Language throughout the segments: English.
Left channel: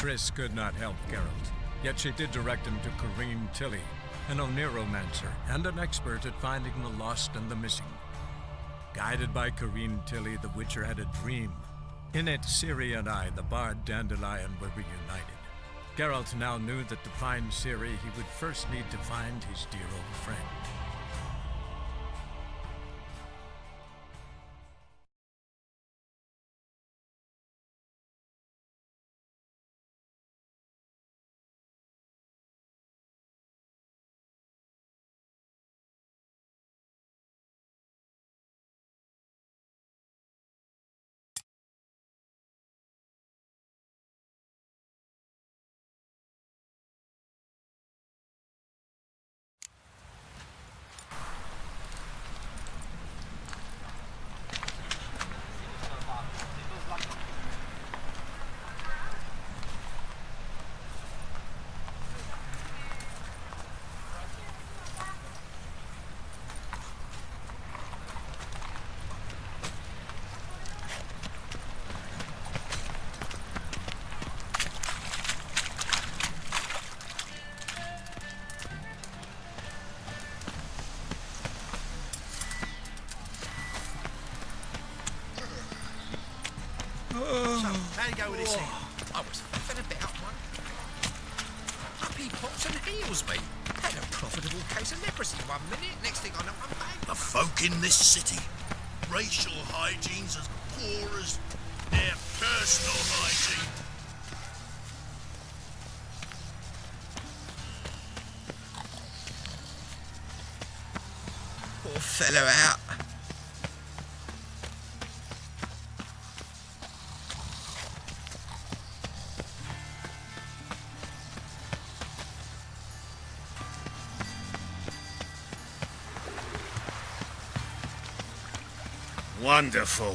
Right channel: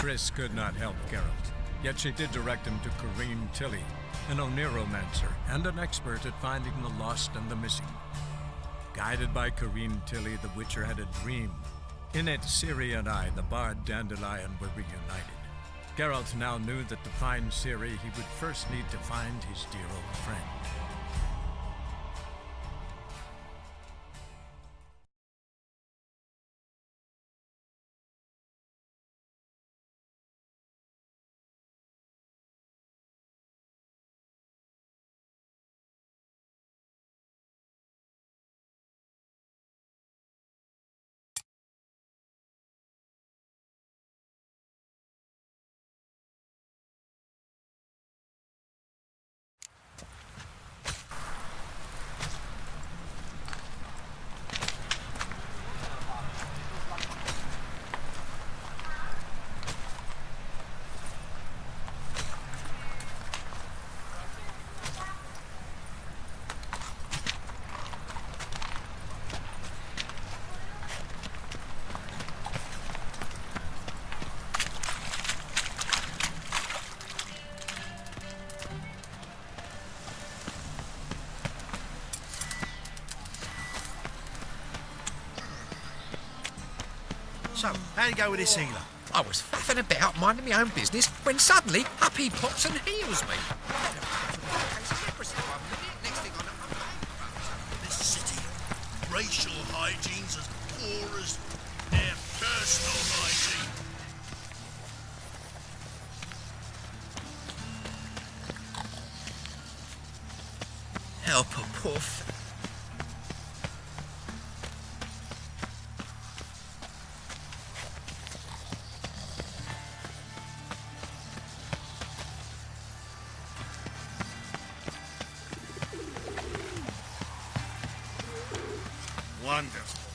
Triss could not help Geralt, yet she did direct him to Corrine Tilly, an Oniromancer and an expert at finding the lost and the missing. Guided by Corrine Tilly, the Witcher had a dream. In it, Ciri and I, the bard Dandelion, were reunited. Geralt now knew that to find Ciri, he would first need to find his dear old friend. So, how'd you go with this healer? I was faffing about minding my own business when suddenly up he pops and heals me. Had a profitable case of leprosy 1 minute, next thing I know I'm back. The folk in this city, racial hygiene's as poor as their personal hygiene. Help a poor fellow out. Wonderful.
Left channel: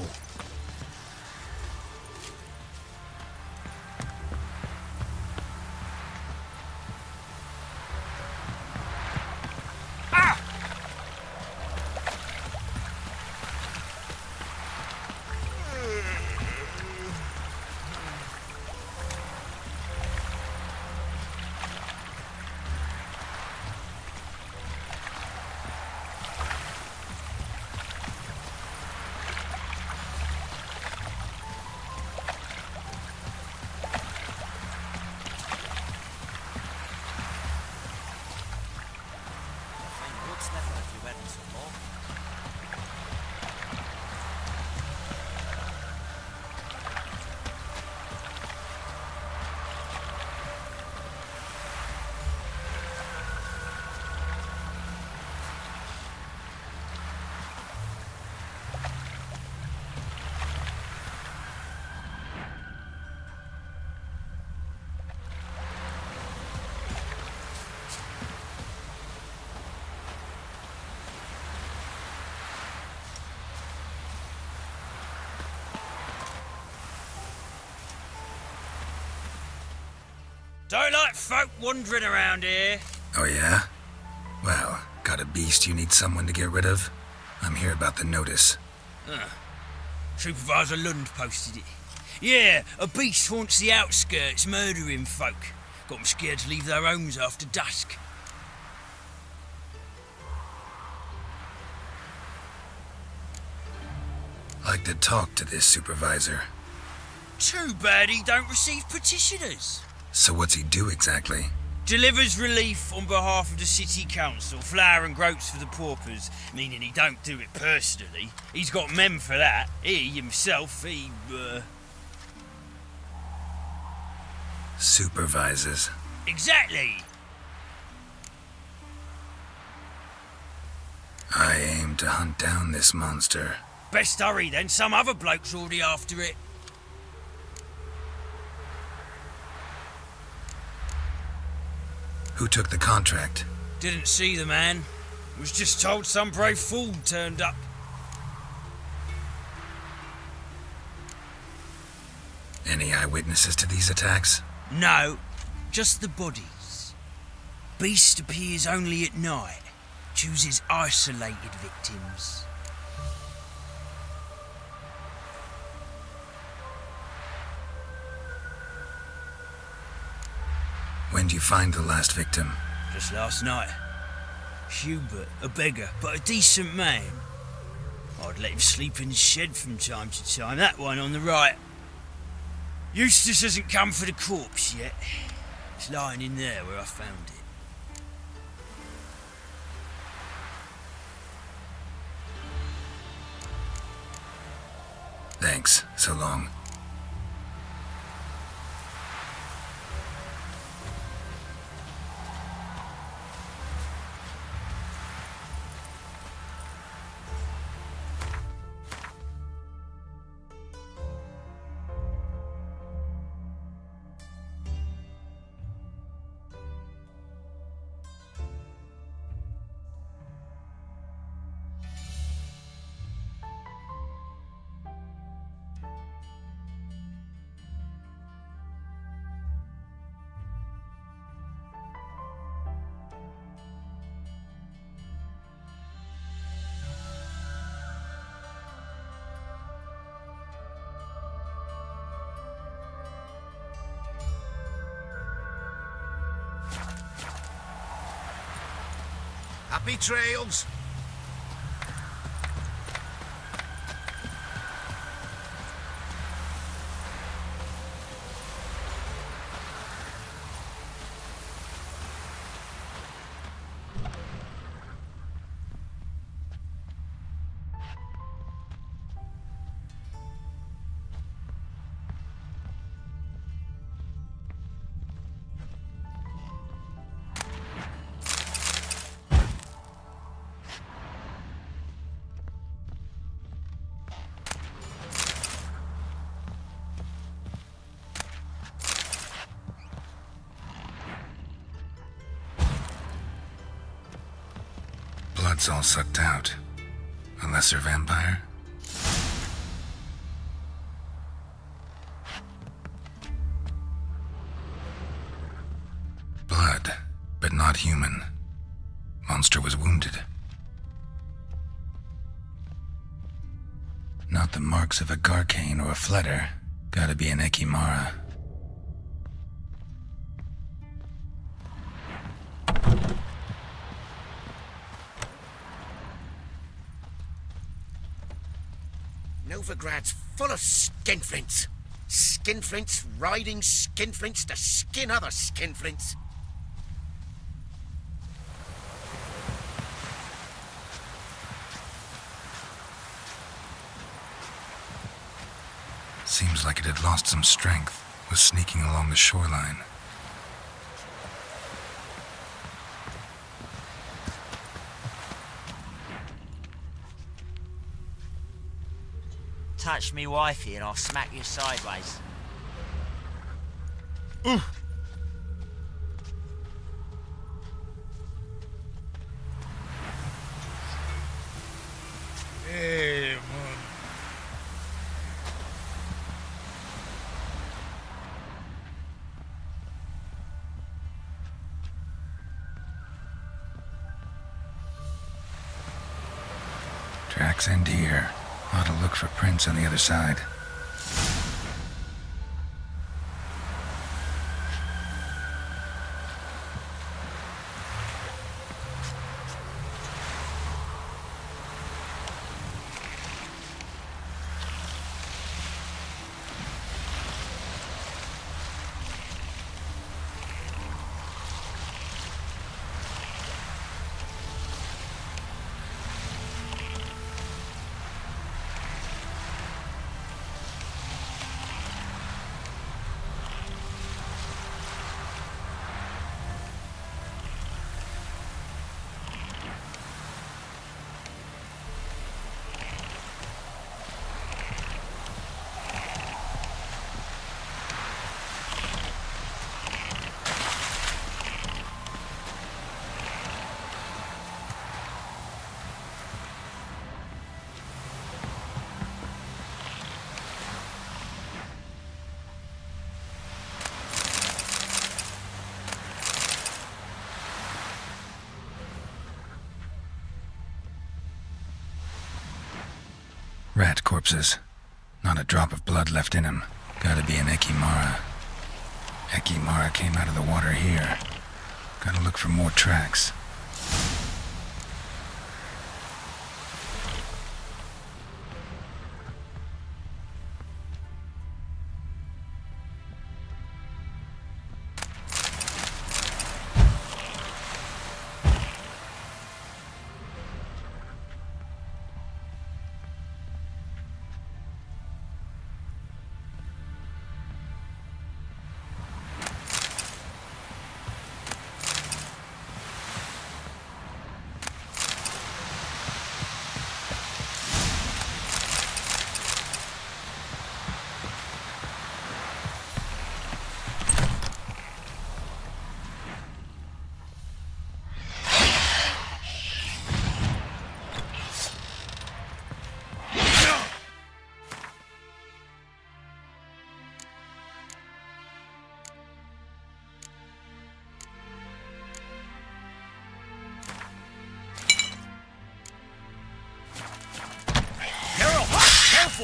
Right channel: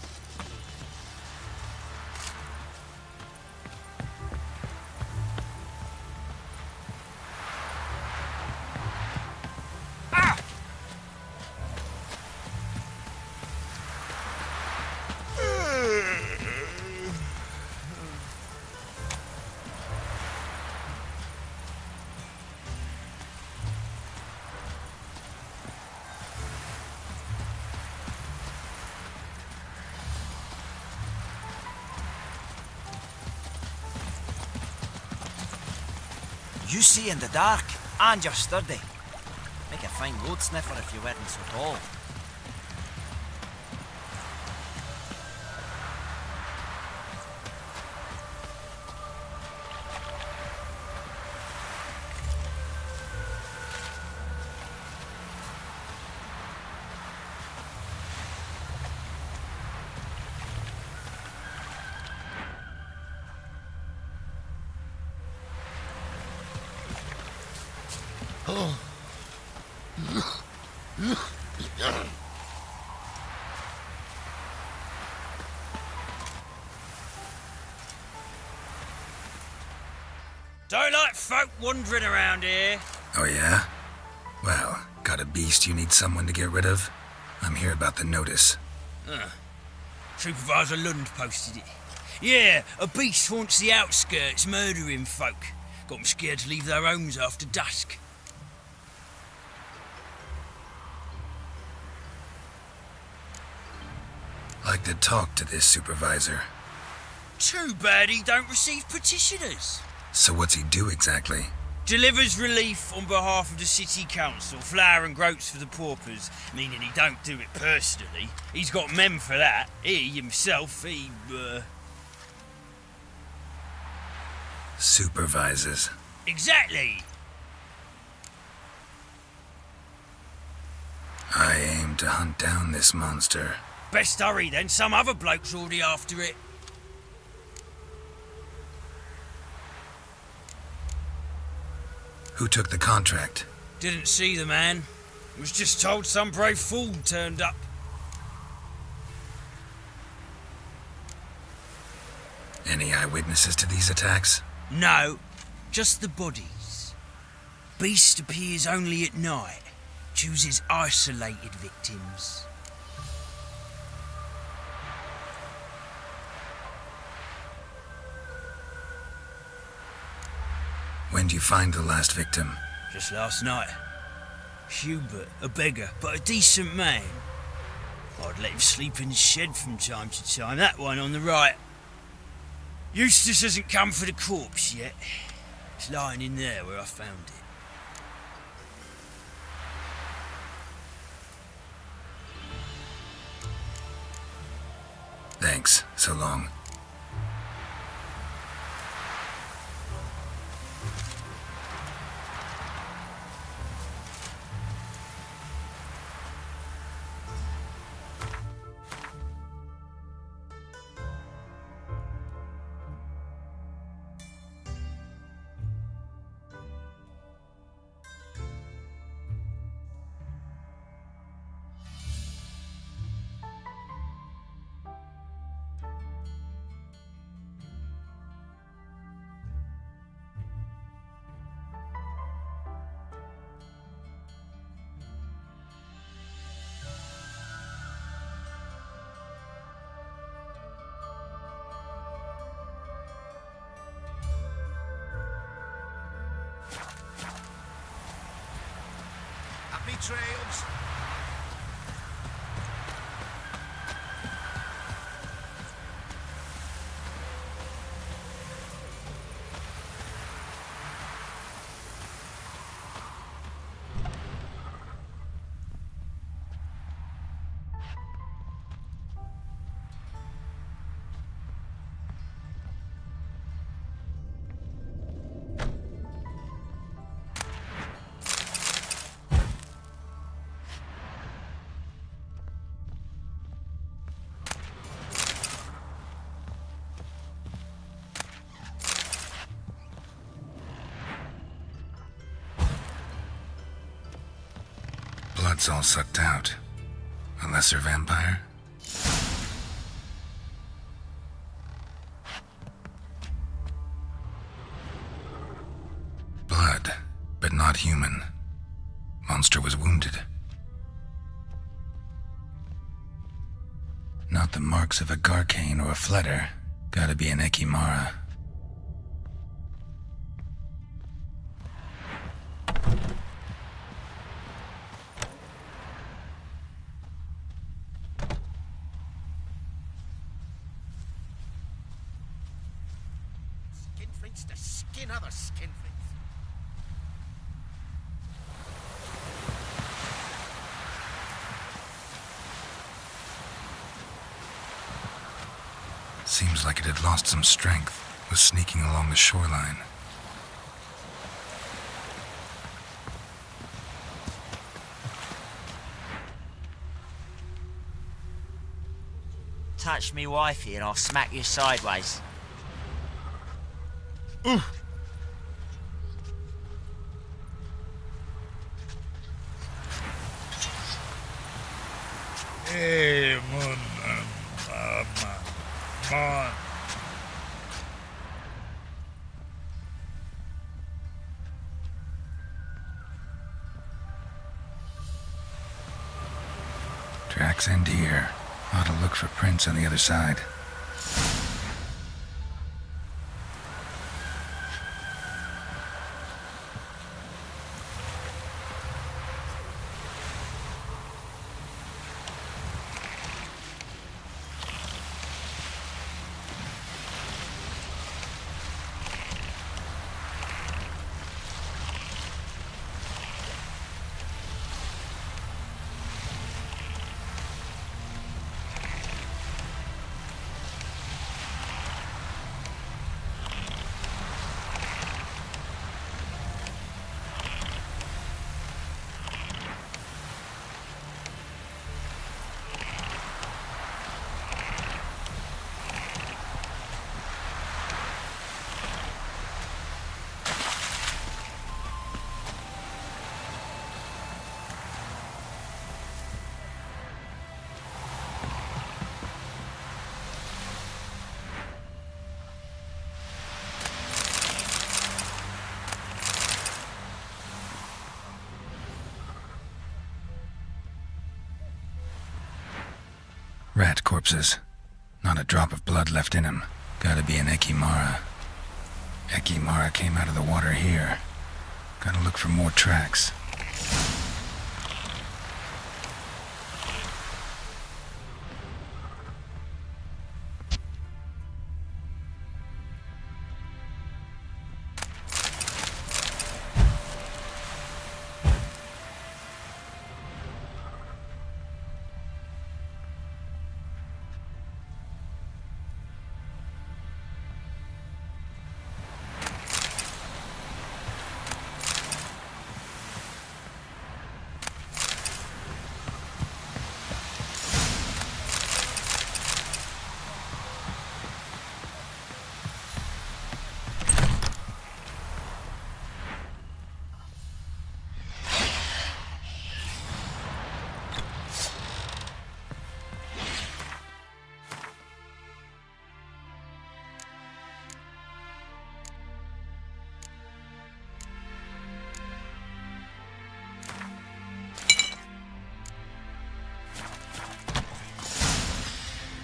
You see in the dark, and you're sturdy. Make a fine goat sniffer if you weren't so tall. Don't like folk wandering around here. Oh yeah? Well, got a beast you need someone to get rid of? I'm here about the notice. Supervisor Lund posted it. Yeah, a beast haunts the outskirts, murdering folk. Got them scared to leave their homes after dusk. Like to talk to this supervisor. Too bad he don't receive petitioners. So what's he do exactly? Delivers relief on behalf of the city council, flour and groats for the paupers, meaning he don't do it personally. He's got men for that. He himself, Supervises. Exactly. I aim to hunt down this monster. Best hurry then, some other bloke's already after it. Who took the contract? Didn't see the man. Was just told some brave fool turned up. Any eyewitnesses to these attacks? No, just the bodies. Beast appears only at night. Chooses isolated victims. When'd you find the last victim? Just last night. Hubert, a beggar, but a decent man. I'd let him sleep in the shed from time to time, that one on the right. Eustace hasn't come for the corpse yet. It's lying in there where I found it. Thanks. So long. Happy trails. Blood's all sucked out. A lesser vampire? Blood, but not human. Monster was wounded. Not the marks of a Garcane or a Fletter. Gotta be an Ekimara. Novigrad's full of skinflints. Skinflints riding skinflints to skin other skinflints. Seems like it had lost some strength, was sneaking along the shoreline. Touch me wifey and I'll smack you sideways. Hey, man. Come on. Tracks end here. Ought to look for prints on the other side. Rat corpses. Not a drop of blood left in him. Gotta be an Ekimara. Tricky Mara came out of the water here. Gotta look for more tracks.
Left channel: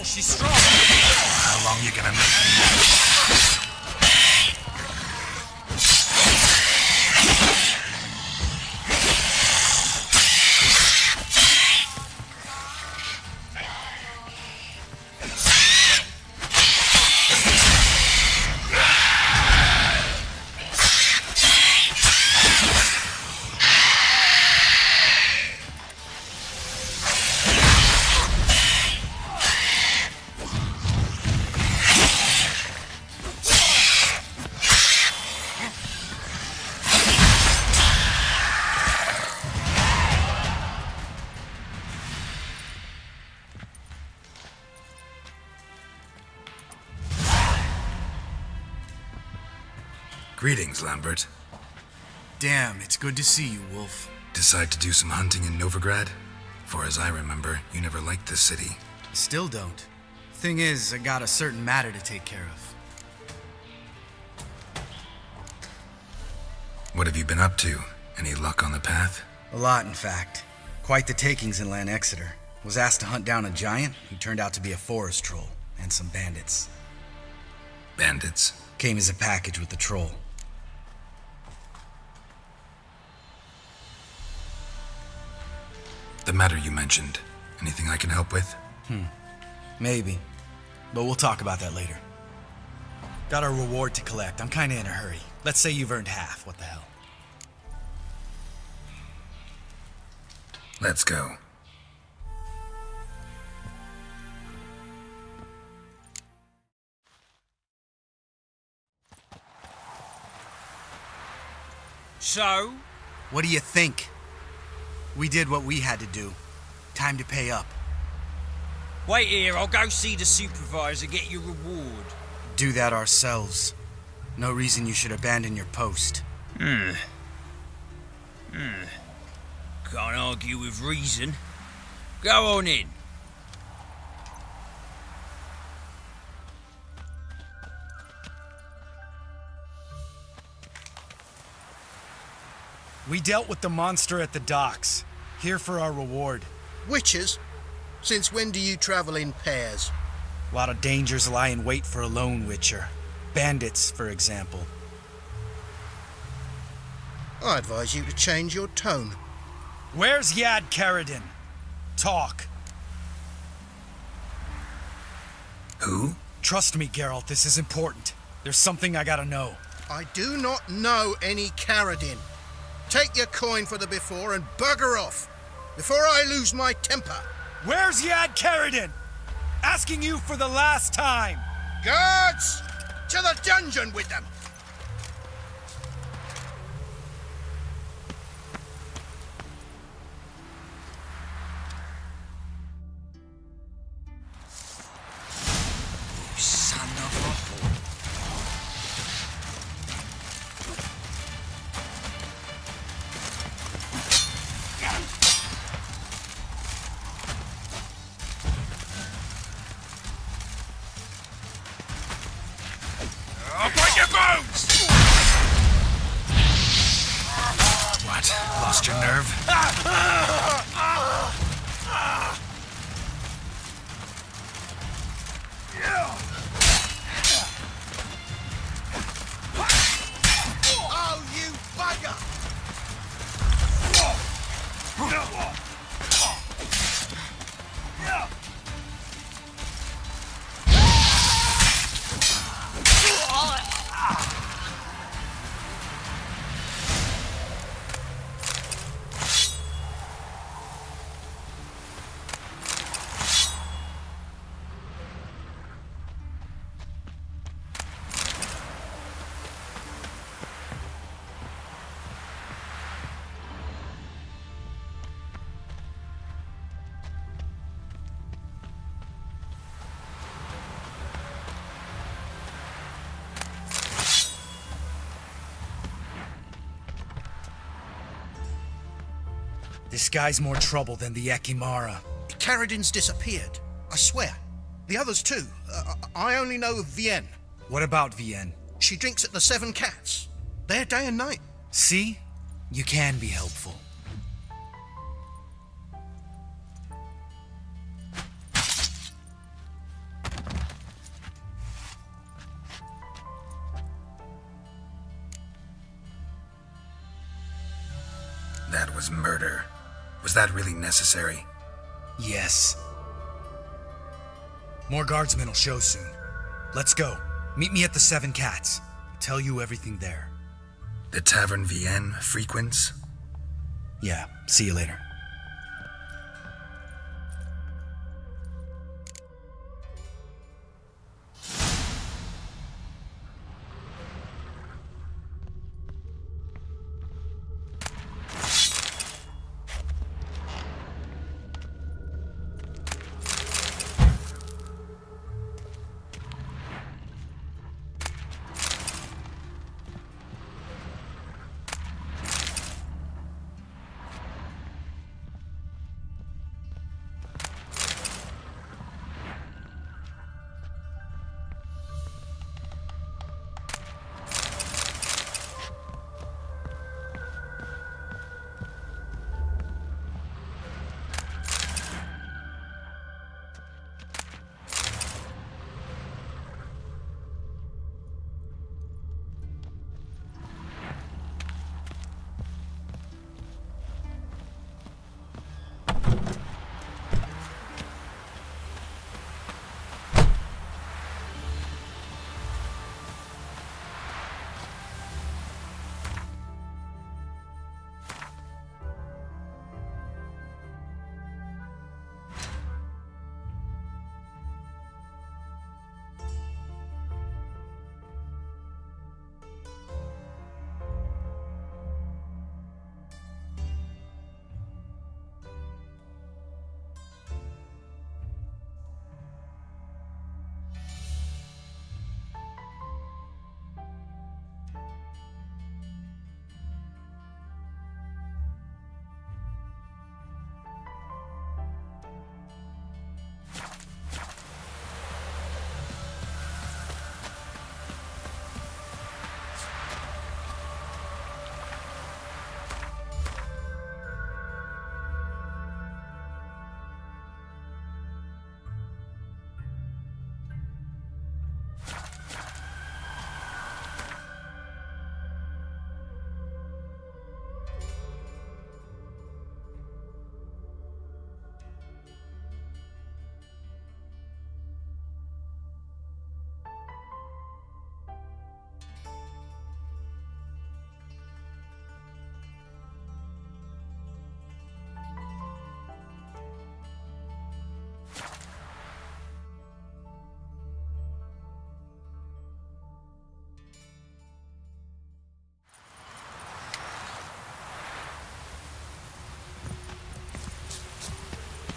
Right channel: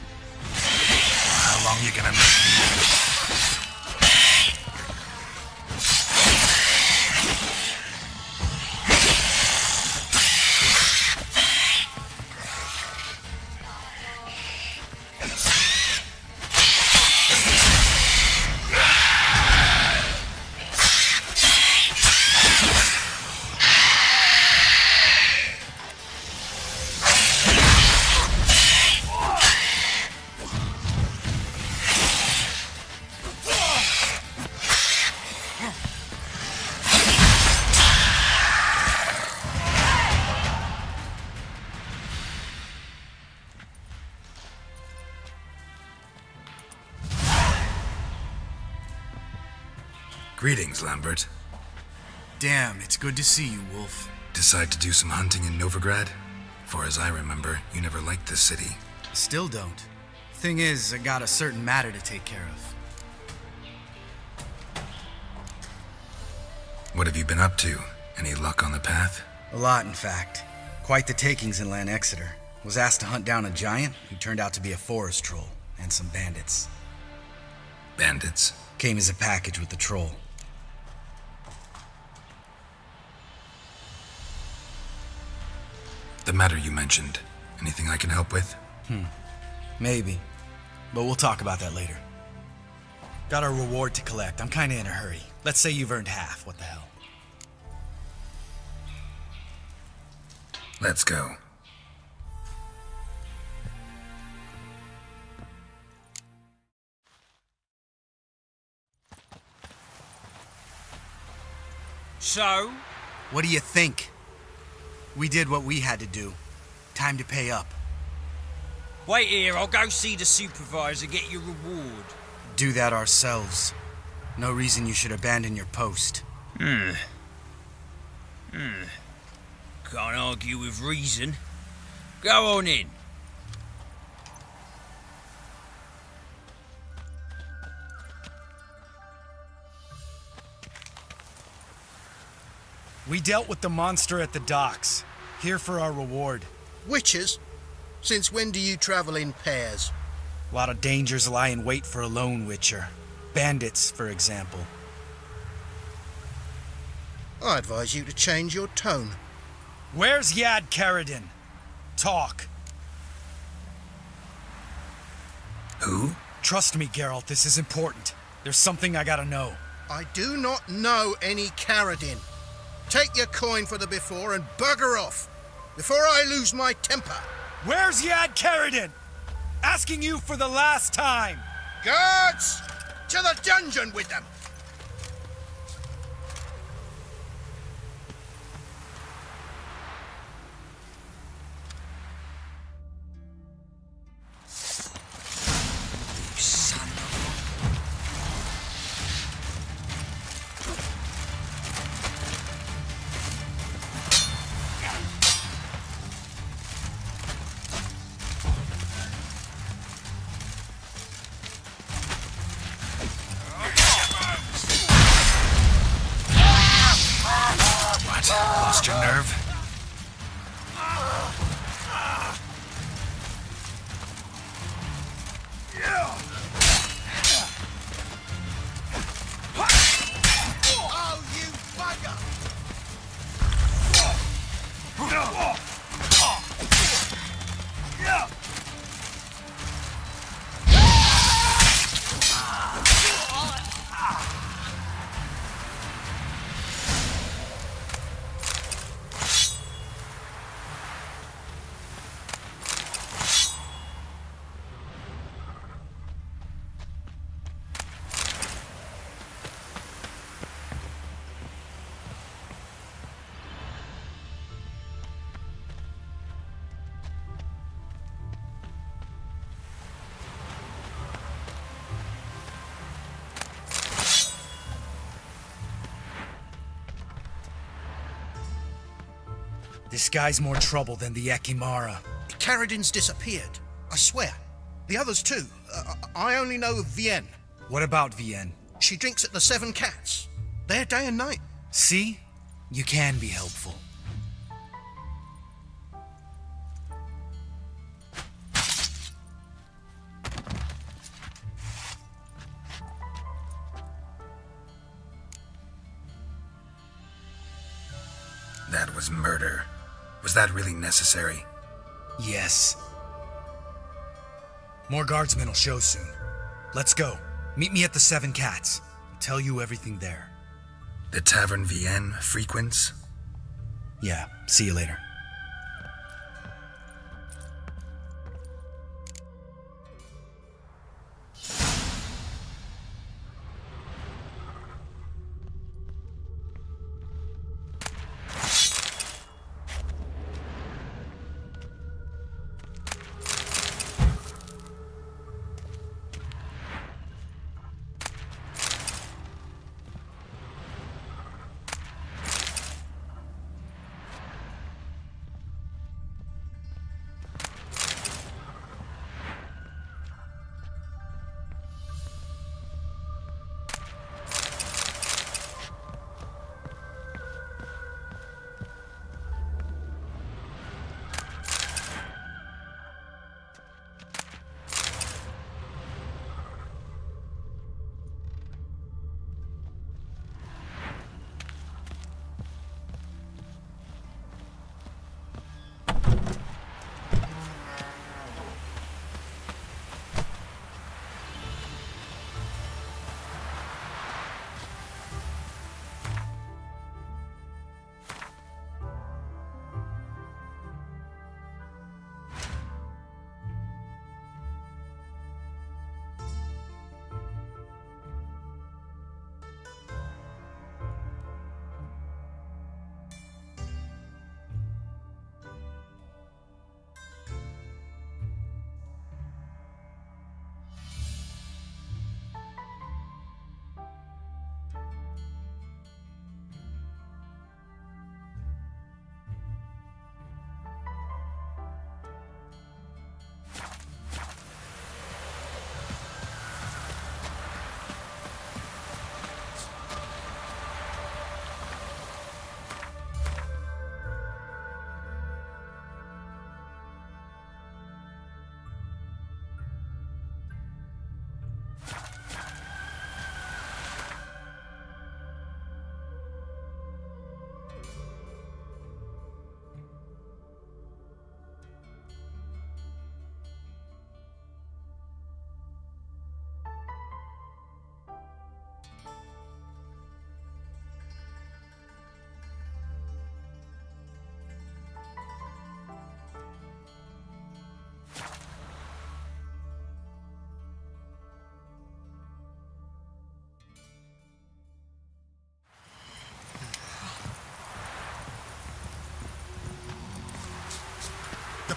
She's strong. How long you gonna make me? Greetings, Lambert. Damn, it's good to see you, Wolf. Decide to do some hunting in Novigrad? For as I remember, you never liked this city. Still don't. Thing is, I got a certain matter to take care of. What have you been up to? Any luck on the path? A lot, in fact. Quite the takings in Lan Exeter. Was asked to hunt down a giant who turned out to be a forest troll, and some bandits. Bandits? Came as a package with the troll. The matter you mentioned. Anything I can help with? Maybe. But we'll talk about that later. Got our reward to collect. I'm kinda in a hurry. Let's say you've earned half. What the hell? Let's go. So? What do you think? We did what we had to do. Time to pay up. Wait here, I'll go see the supervisor, get your reward. Do that ourselves. No reason you should abandon your post. Can't argue with reason. Go on in. We dealt with the monster at the docks. Here for our reward. Witches? Since when do you travel in pairs? A lot of dangers lie in wait for a lone witcher. Bandits, for example. I advise you to change your tone. Where's Yad Karadin? Talk. Who? Trust me, Geralt, this is important. There's something I gotta know. I do not know any Karadin. Take your coin for the before and bugger off, before I lose my temper. Where's Yad Karadin? Asking you for the last time. Guards! To the dungeon with them! You son of a... I'll break your bones! This guy's more trouble than the Ekimara. Caradin's disappeared. I swear. The others too. I only know of Vienne. What about Vienne? She drinks at the Seven Cats. There day and night. See? You can be helpful. That was murder. Was that really necessary? Yes. More guardsmen will show soon. Let's go. Meet me at the Seven Cats. I'll tell you everything there. The Tavern Vienne frequents? Yeah, see you later.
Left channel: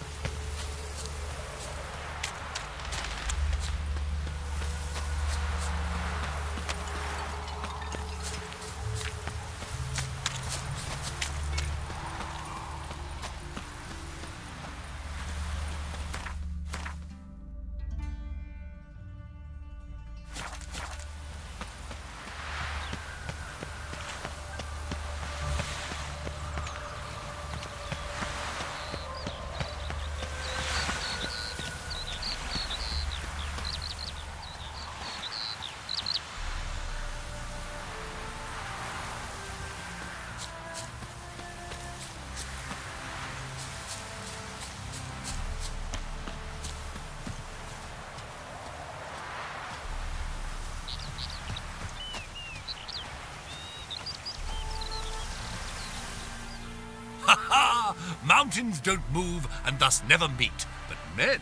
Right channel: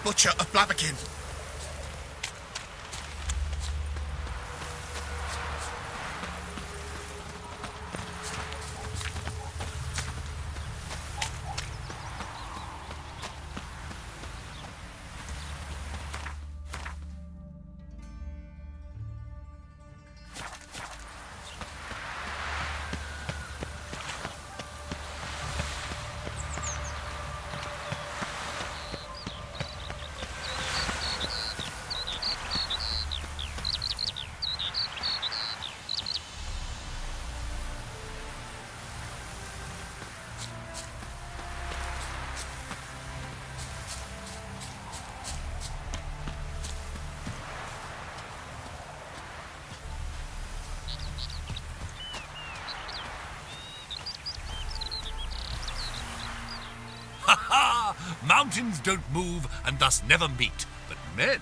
Butcher of Blaviken. Mountains don't move and thus never meet, but men.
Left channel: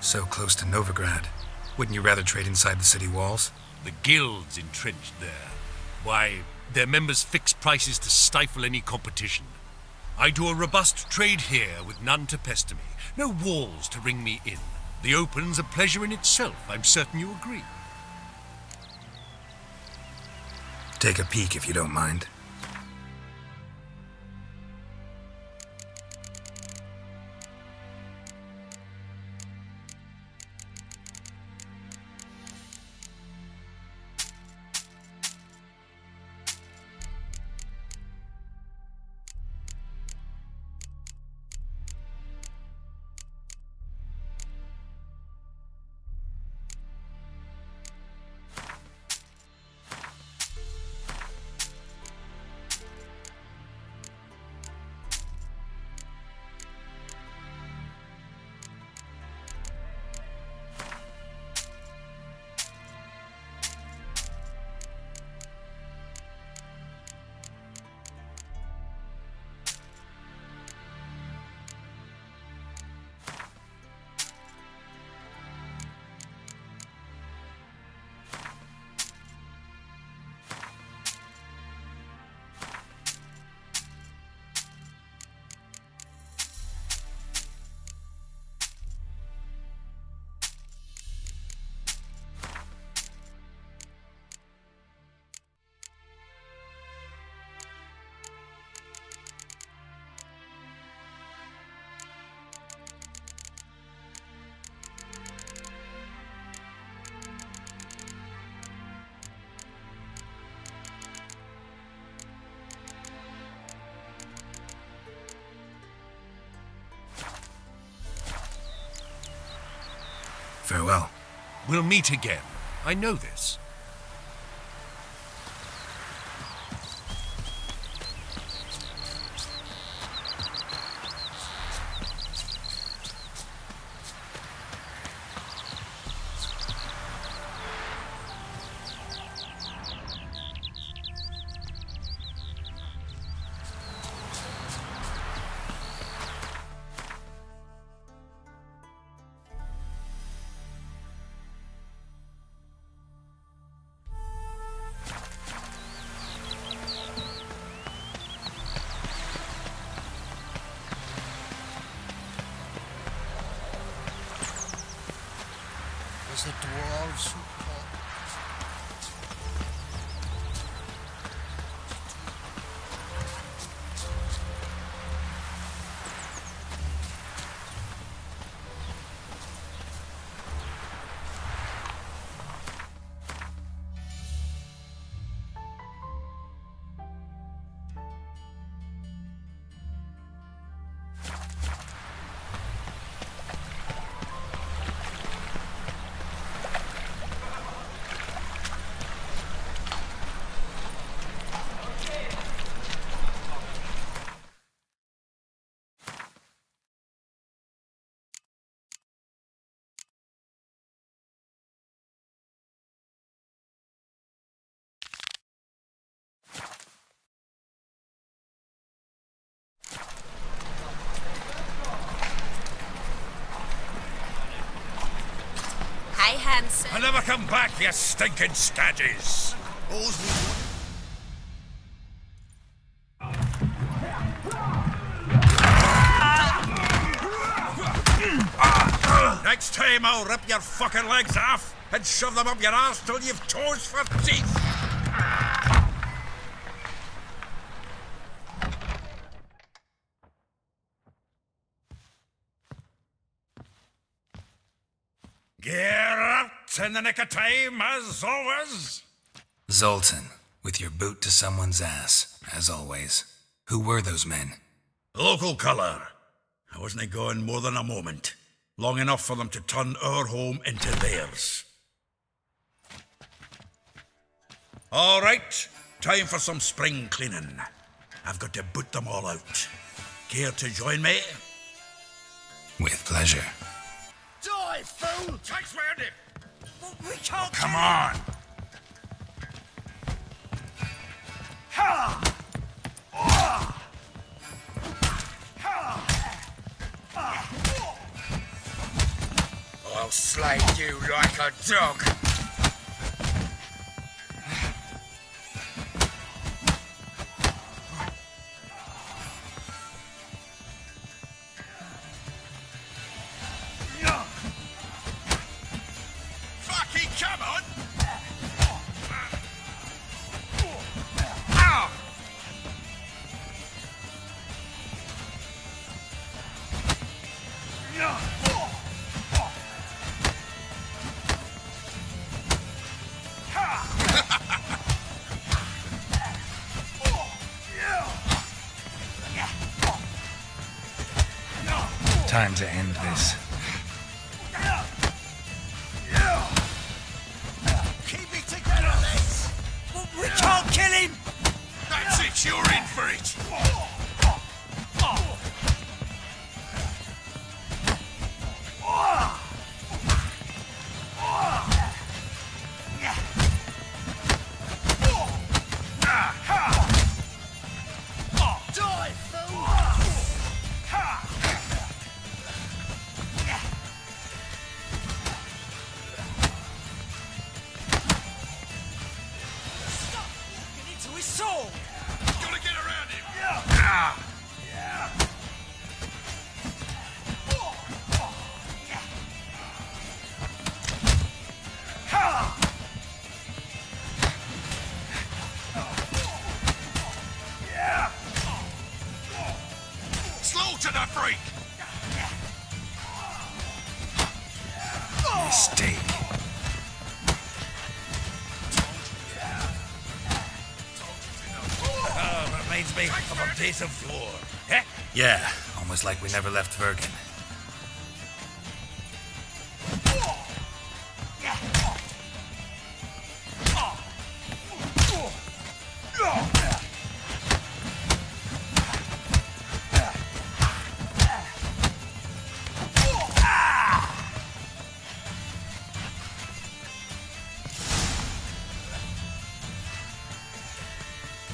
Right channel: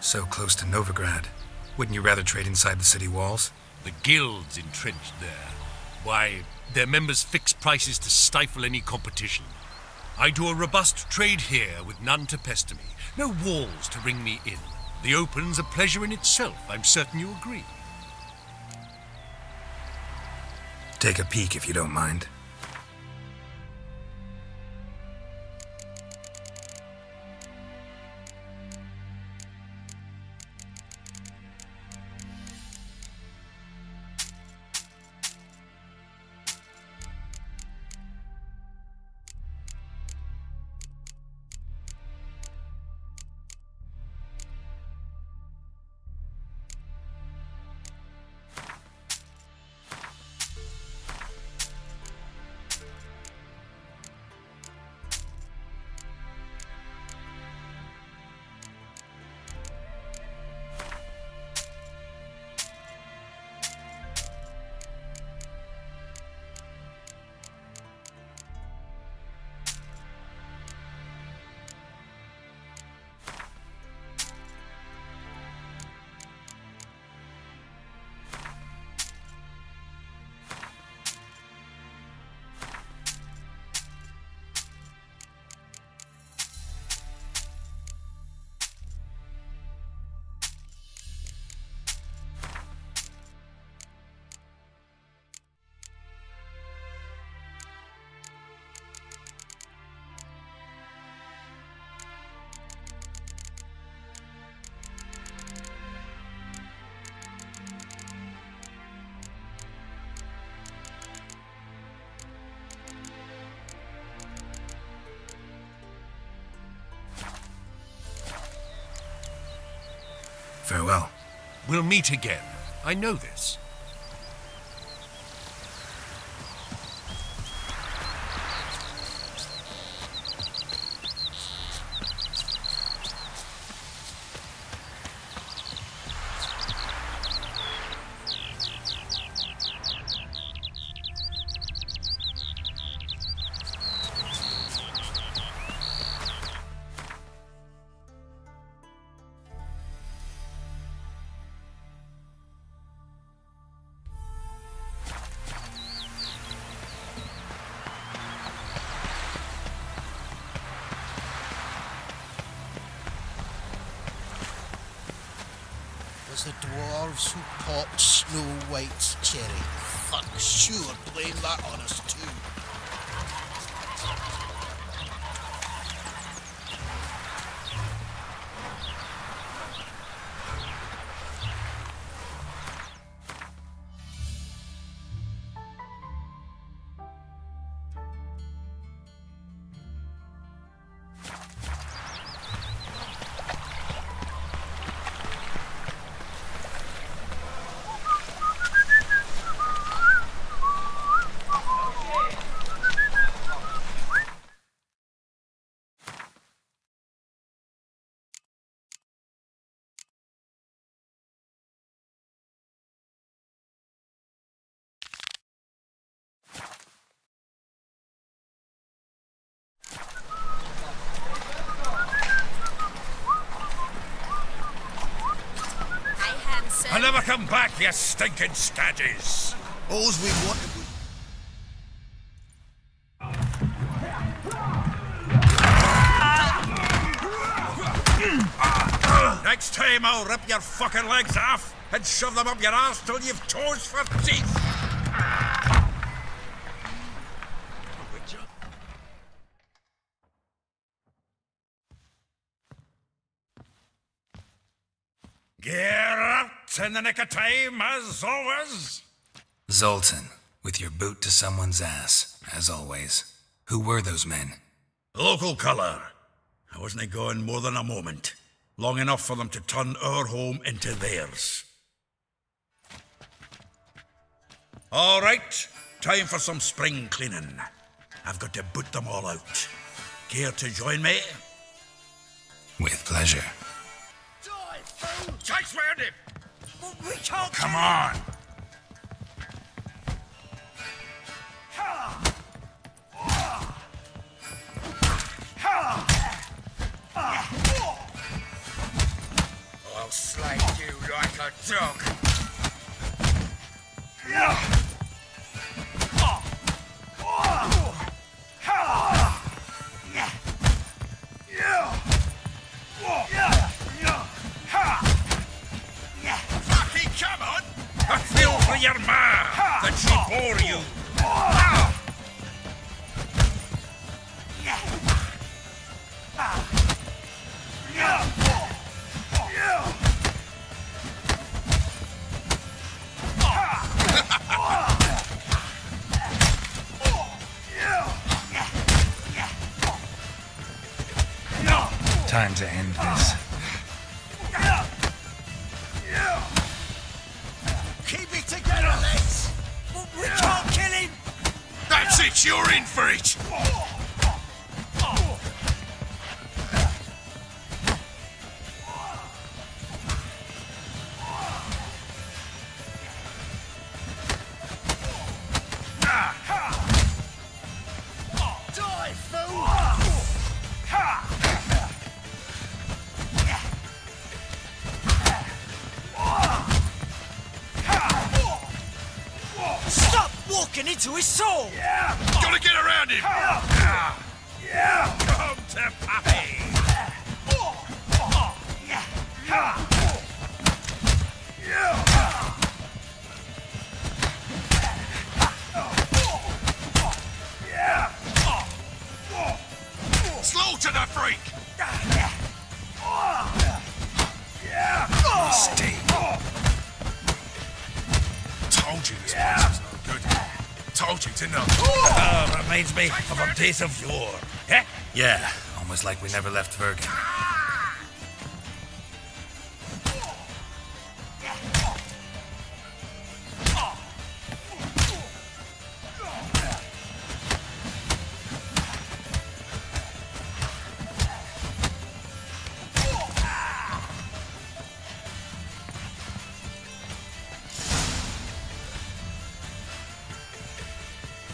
So close to Novigrad. Wouldn't you rather trade inside the city walls? The guild's entrenched there. Why, their members fix prices to stifle any competition. I do a robust trade here with none to pester me. No walls to ring me in. The open's a pleasure in itself. I'm certain you agree. take a peek if you don't mind. Farewell. We'll meet again. I know this. The dwarves who popped Snow White's cherry. Fuck, sure, blame that on us too. I'll never come back, you stinking staggies! All's we wanted. Next time I'll rip your fucking legs off and shove them up your arse till you've toes for teeth! Get out in the nick of time, as always! Zoltan, with your boot to someone's ass, as always. Who were those men? Local colour. I wasn't gone more than a moment. Long enough for them to turn our home into theirs. All right, time for some spring cleaning. I've got to boot them all out. Care to join me? With pleasure. Die, fool! Chase round him! We can't. Come on! I'll slay you like a dog. Fucking come on! I feel for your ma that she bore you. Time to end this. Keep it together, lads! We can't kill him! That's it, you're in for it! Stop walking into his soul! Gotta get around him! Come to Pappy! Slaughter the freak! Mistake. Told you this was good. Told you, didn't I? Reminds me of a days of yore. Eh? Yeah, almost like we never left Virgin.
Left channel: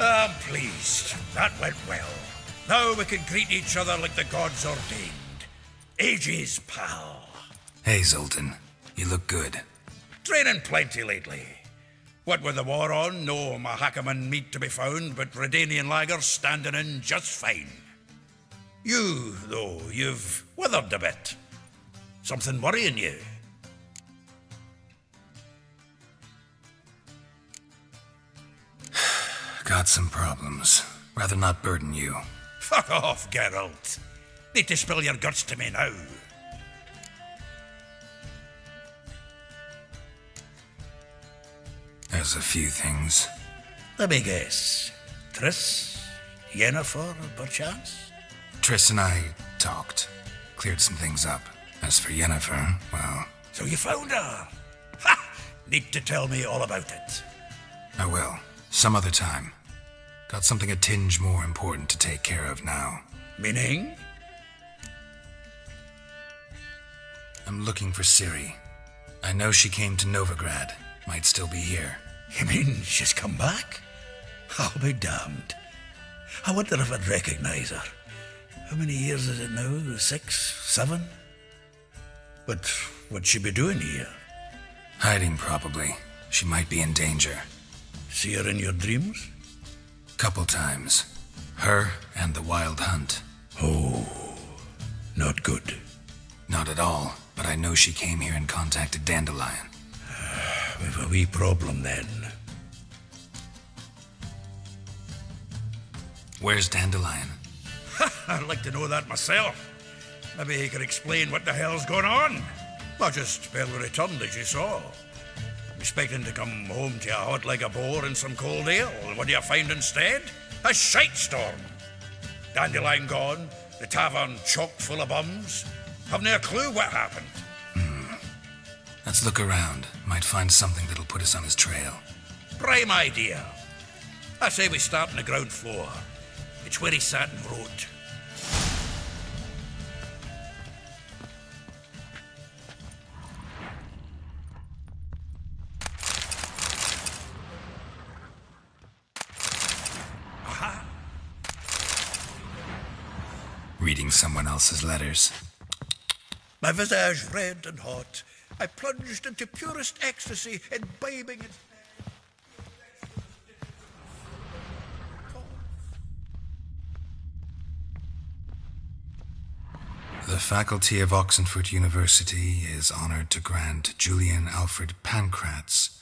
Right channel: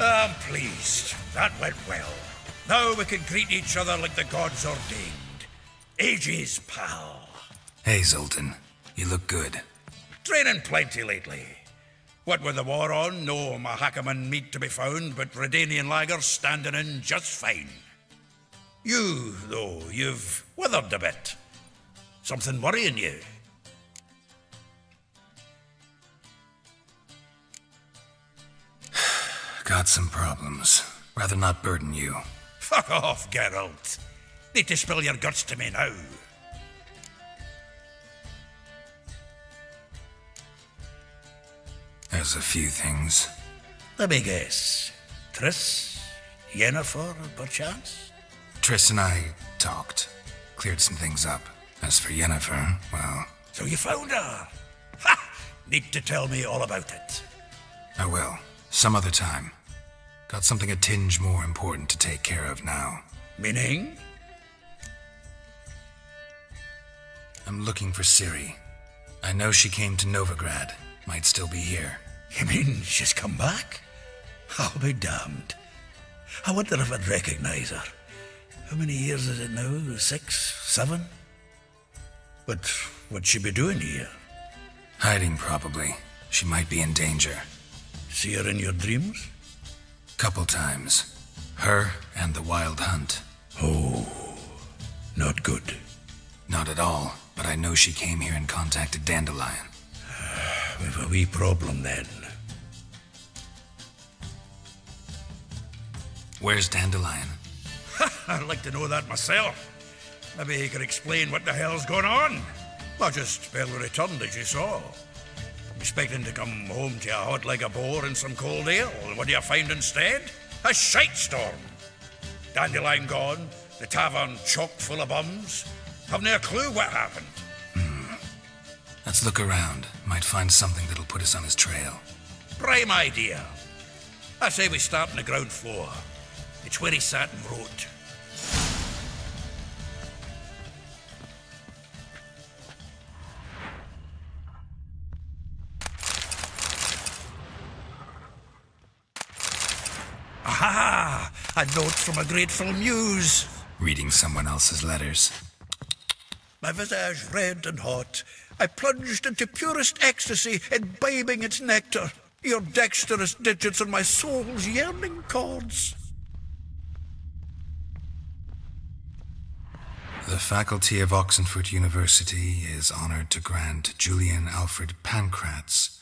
I'm pleased. That went well. Now we can greet each other like the gods ordained. Ages, pal. Hey, Zoltan. You look good. Training plenty lately. What with the war on, no Mahakaman meat to be found, but Redanian lagers standing in just fine. You, though, you've withered a bit. Something worrying you? Got some problems. Rather not burden you. Fuck off, Geralt. Need to spill your guts to me now. There's a few things. Let me guess. Triss? Yennefer, perchance? Triss and I talked. Cleared some things up. As for Yennefer, well, So you found her? Ha! Need to tell me all about it. I will. Some other time. Got something a tinge more important to take care of now. Meaning? I'm looking for Ciri. I know she came to Novigrad. Might still be here. You mean she's come back? I'll be damned. I wonder if I'd recognize her. How many years is it now? 6, 7? But what'd she be doing here? Hiding, probably. She might be in danger. See her in your dreams? Couple times. Her and the Wild Hunt. Oh, not good. Not at all, but I know she came here and contacted Dandelion. We've a wee problem then. Where's Dandelion? I'd like to know that myself. Maybe he could explain what the hell's going on. I just barely returned, as you saw. I'm expecting to come home to a hot like a boar and some cold ale. And what do you find instead? A shite storm. Dandelion gone, the tavern chock full of bums. Haven't a clue what happened. Let's look around. Might find something that'll put us on his trail. Prime idea. I say we start on the ground floor. It's where he sat and wrote. Aha! A note from a grateful muse. Reading someone else's letters. My visage red and hot, I plunged into purest ecstasy, imbibing its nectar. Your dexterous digits on my soul's yearning chords. The faculty of Oxenfurt University is honored to grant Julian Alfred Pancratz,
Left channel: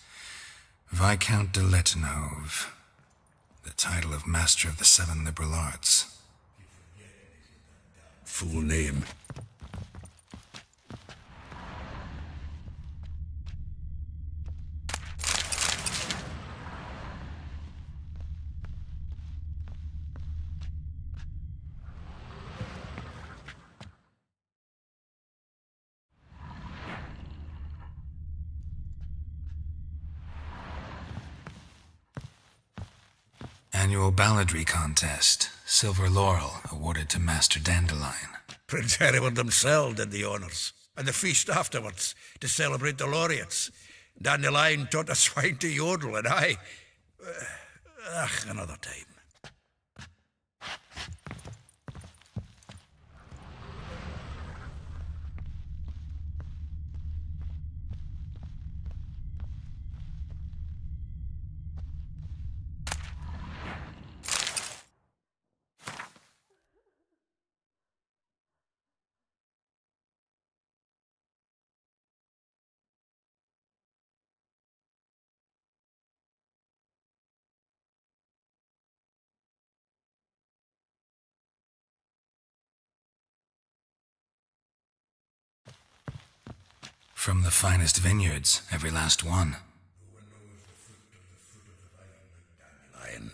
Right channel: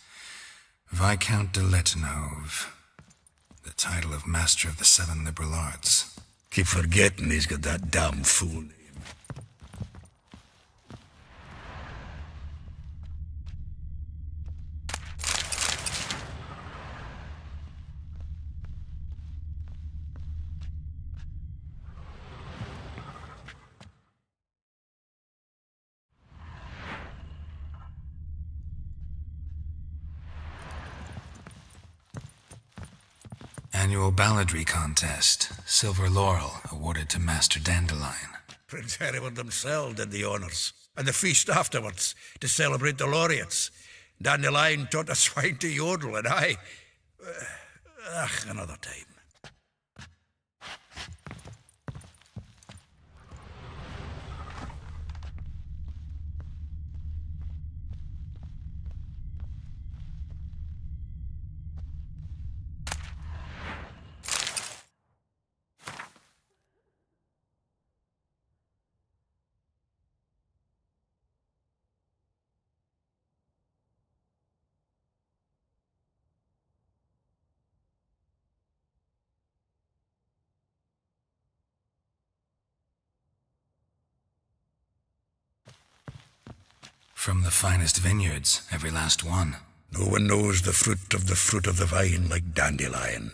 Viscount de Letonov, the title of Master of the Seven Liberal Arts. Keep forgetting he's got that damn fool name. annual balladry contest. Silver laurel awarded to Master Dandelion. Prince Hereward himself did the honours, and the feast afterwards to celebrate the laureates. Dandelion taught a swine to yodel, and another time. From the finest vineyards, every last one. No one knows the fruit of the vine like Dandelion.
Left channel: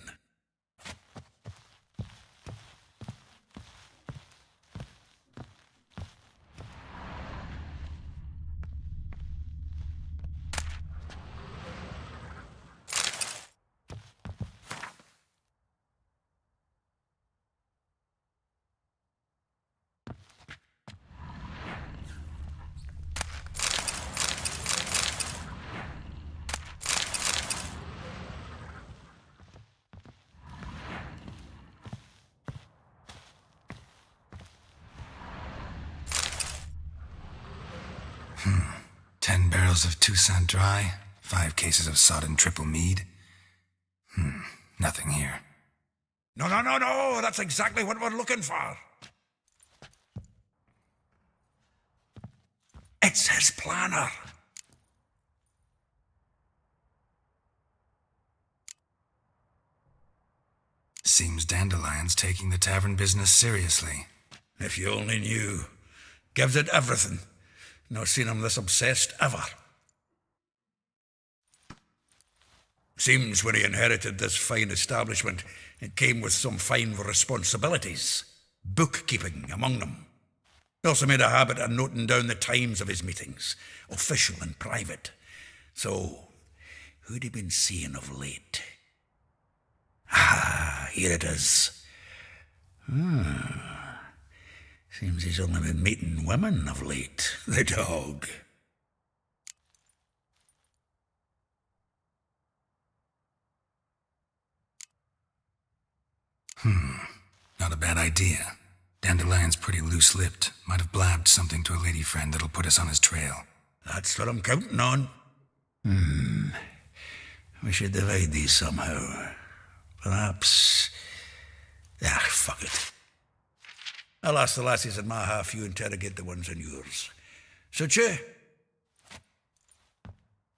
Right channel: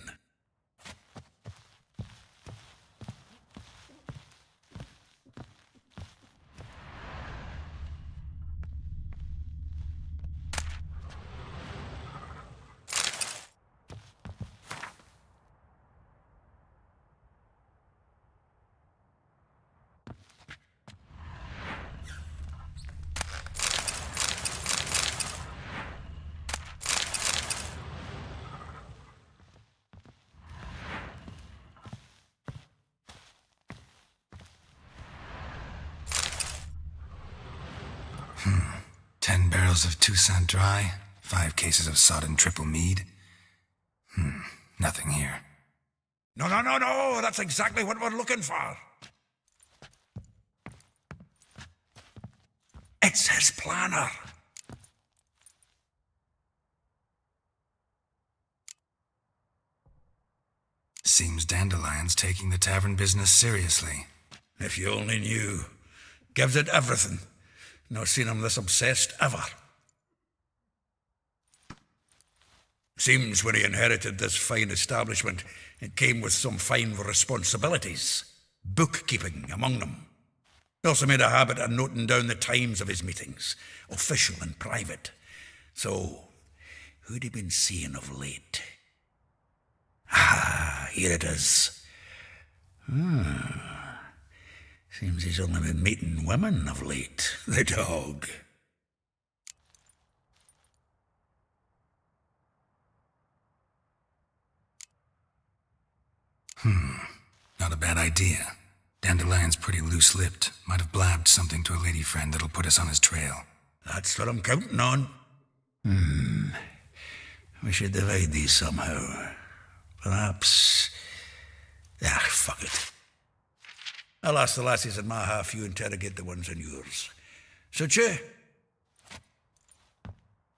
Hmm. 10 barrels of Toussaint Dry, 5 cases of sodden triple mead. Nothing here. No, that's exactly what we're looking for. It's his planner. Seems Dandelion's taking the tavern business seriously. If you only knew. Gives it everything. No seen him this obsessed ever. Seems when he inherited this fine establishment, it came with some fine responsibilities. Bookkeeping among them. He also made a habit of noting down the times of his meetings, official and private. So, who'd he been seeing of late? Here it is. Seems he's only been meeting women of late, the dog. Not a bad idea. Dandelion's pretty loose-lipped. Might have blabbed something to a lady friend that'll put us on his trail. That's what I'm counting on. We should divide these somehow. Perhaps... fuck it. I'll ask the lassies in my half, you interrogate the ones in yours. Such a...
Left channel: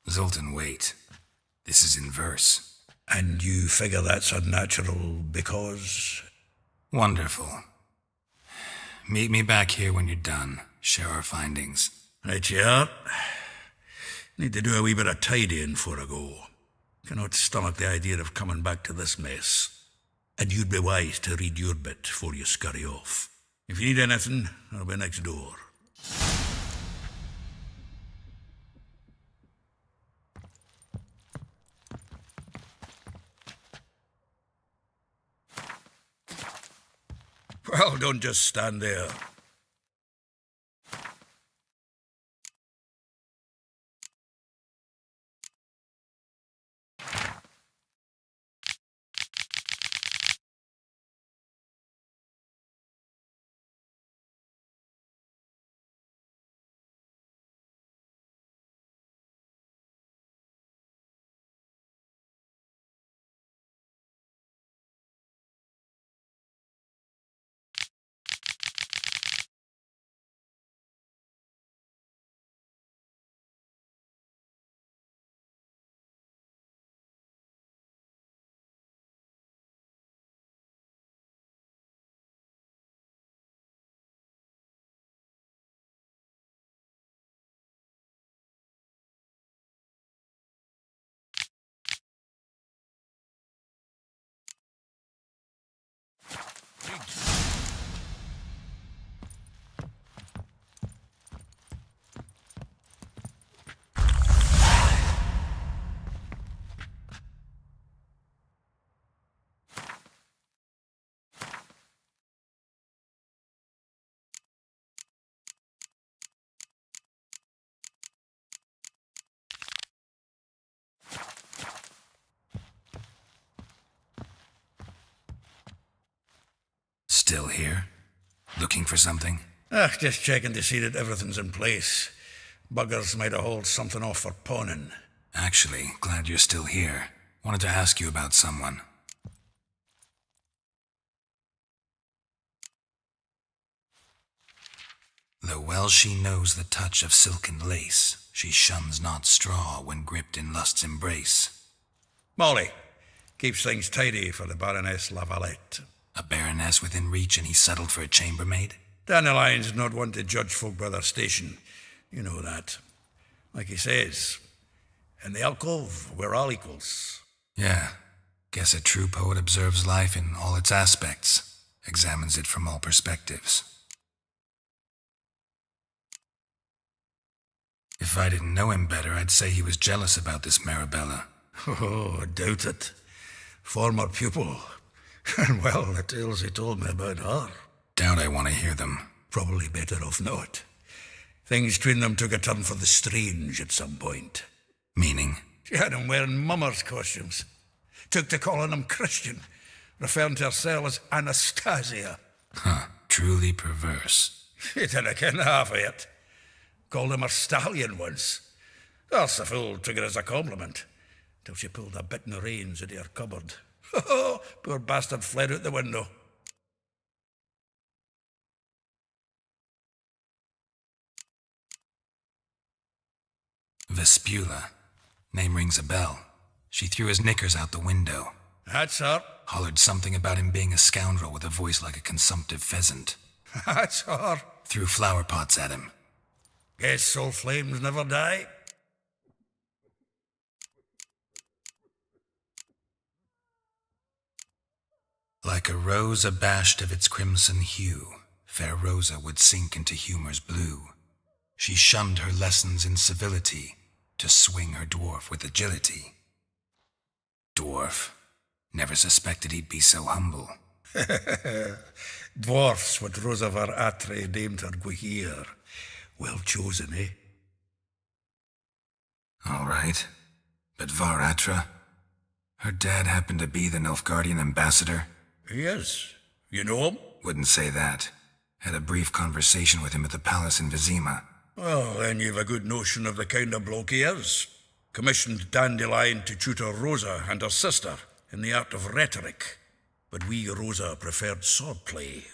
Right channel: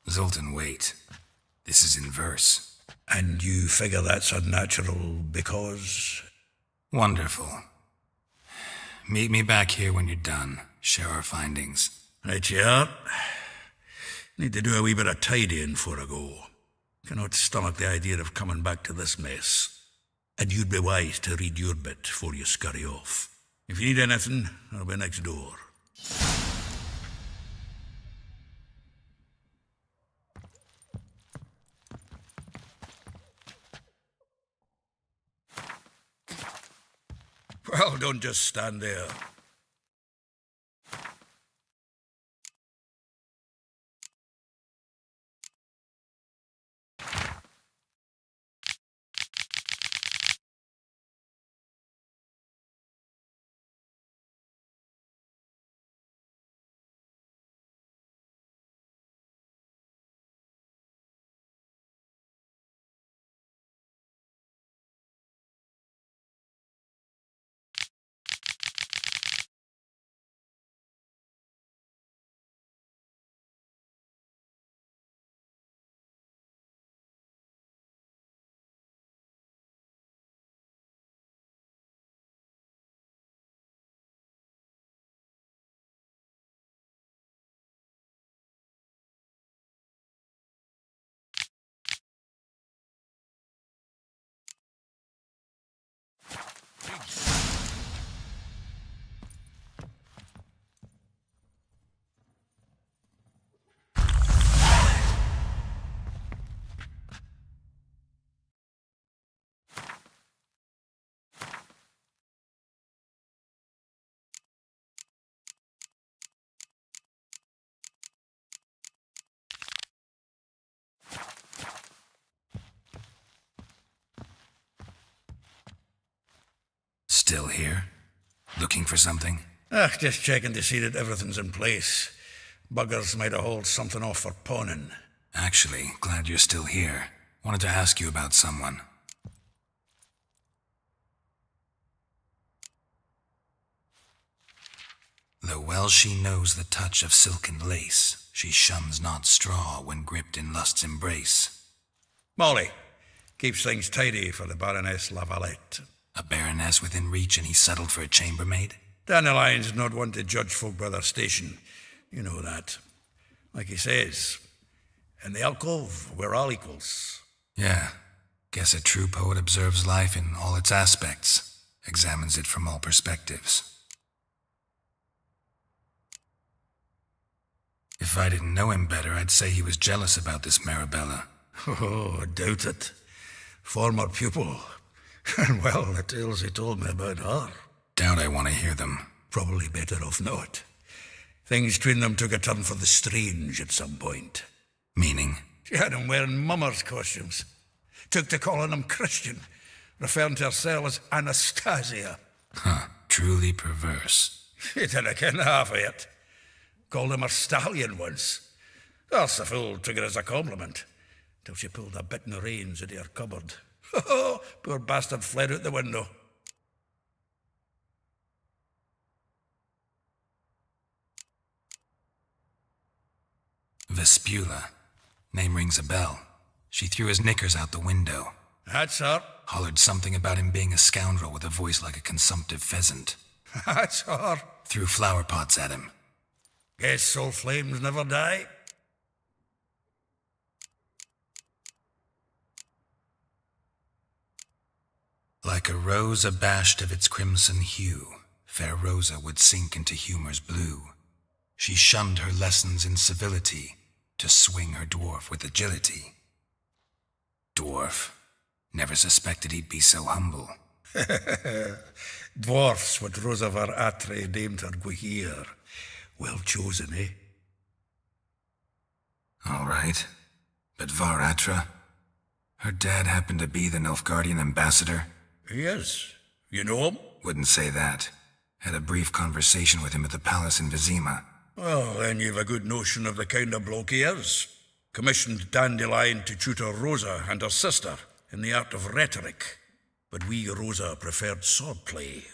Zoltan, wait. This is in verse. And you figure that's unnatural because... Wonderful. Meet me back here when you're done. Share our findings. Right you are. Need to do a wee bit of tidying before I go. Cannot stomach the idea of coming back to this mess. And you'd be wise to read your bit before you scurry off. If you need anything, I'll be next door. Well, don't just stand there. Still here? Looking for something? Just checking to see that everything's in place. Buggers might have hauled something off for pawning. Actually, glad you're still here. Wanted to ask you about someone. Though well she knows the touch of silken lace, she shuns not straw when gripped in lust's embrace. Molly. Keeps things tidy for the Baroness Lavalette. A baroness within reach and he settled for a chambermaid? Dandelion's not one to judge folk by their station. You know that. Like he says, in the alcove, we're all equals. Yeah. Guess a true poet observes life in all its aspects, examines it from all perspectives. If I didn't know him better, I'd say he was jealous about this Marabella. Oh, I doubt it. Former pupil. And well, the tales he told me about her. Doubt I want to hear them. Probably better off not. Things between them took a turn for the strange at some point. Meaning? She had him wearing mummers' costumes. Took to calling him Christian, referring to herself as Anastasia. Huh, truly perverse. She didn't ken half of it. Called him her stallion once. Else the fool took it as a compliment, till she pulled a bit in the reins out of her cupboard. Poor bastard fled out the window. Vespula. Name rings a bell. She threw his knickers out the window. That's her. Hollered something about him being a scoundrel with a voice like a consumptive pheasant. That's her. Threw flower pots at him. Guess soul flames never die. Like a rose abashed of its crimson hue, fair Rosa would sink into humor's blue. She shunned her lessons in civility, to swing her dwarf with agility. Dwarf. Never suspected he'd be so humble. Dwarfs what Rosa var Atre deemed her Guihir. Well chosen, eh? All right. But Var Atra? Her dad happened to be the Nilfgaardian ambassador? He is. You know him? Wouldn't say that. Had a brief conversation with him at the palace in Vizima. Well, then you've a good notion of the kind of bloke he is. Commissioned Dandelion to tutor Rosa and her sister in the art of rhetoric. But we, Rosa, preferred swordplay.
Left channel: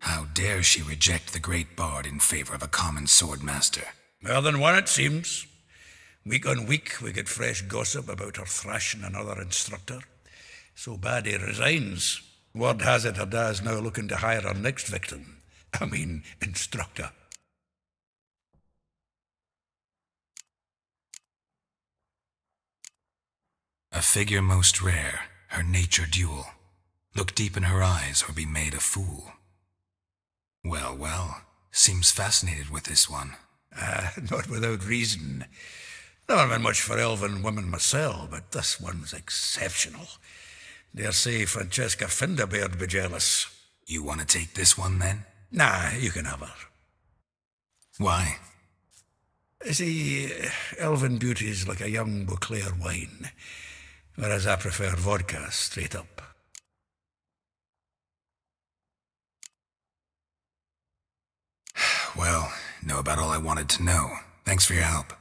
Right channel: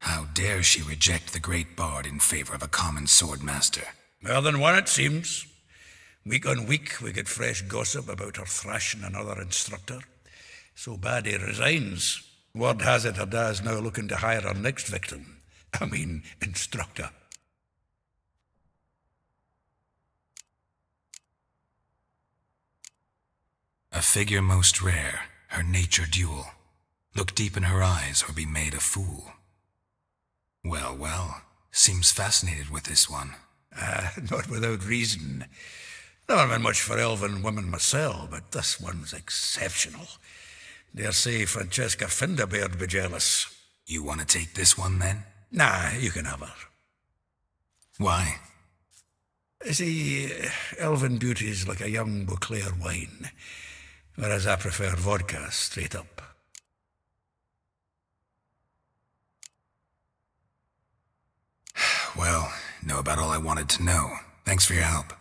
How dare she reject the great bard in favor of a common swordmaster? More than one, it seems. Week on week, we get fresh gossip about her thrashing another instructor. So bad he resigns. Word has it her dad's now looking to hire her next victim. Instructor. A figure most rare, her nature dual. Look deep in her eyes or be made a fool. Well, well, seems fascinated with this one. Not without reason. Never been much for elven women myself, but this one's exceptional. Dare say Francesca Finderbeard be jealous. You want to take this one, then? Nah, you can have her. Why? See, elven beauty's like a young Beauclair wine, whereas I prefer vodka straight up. Well, know about all I wanted to know. Thanks for your help.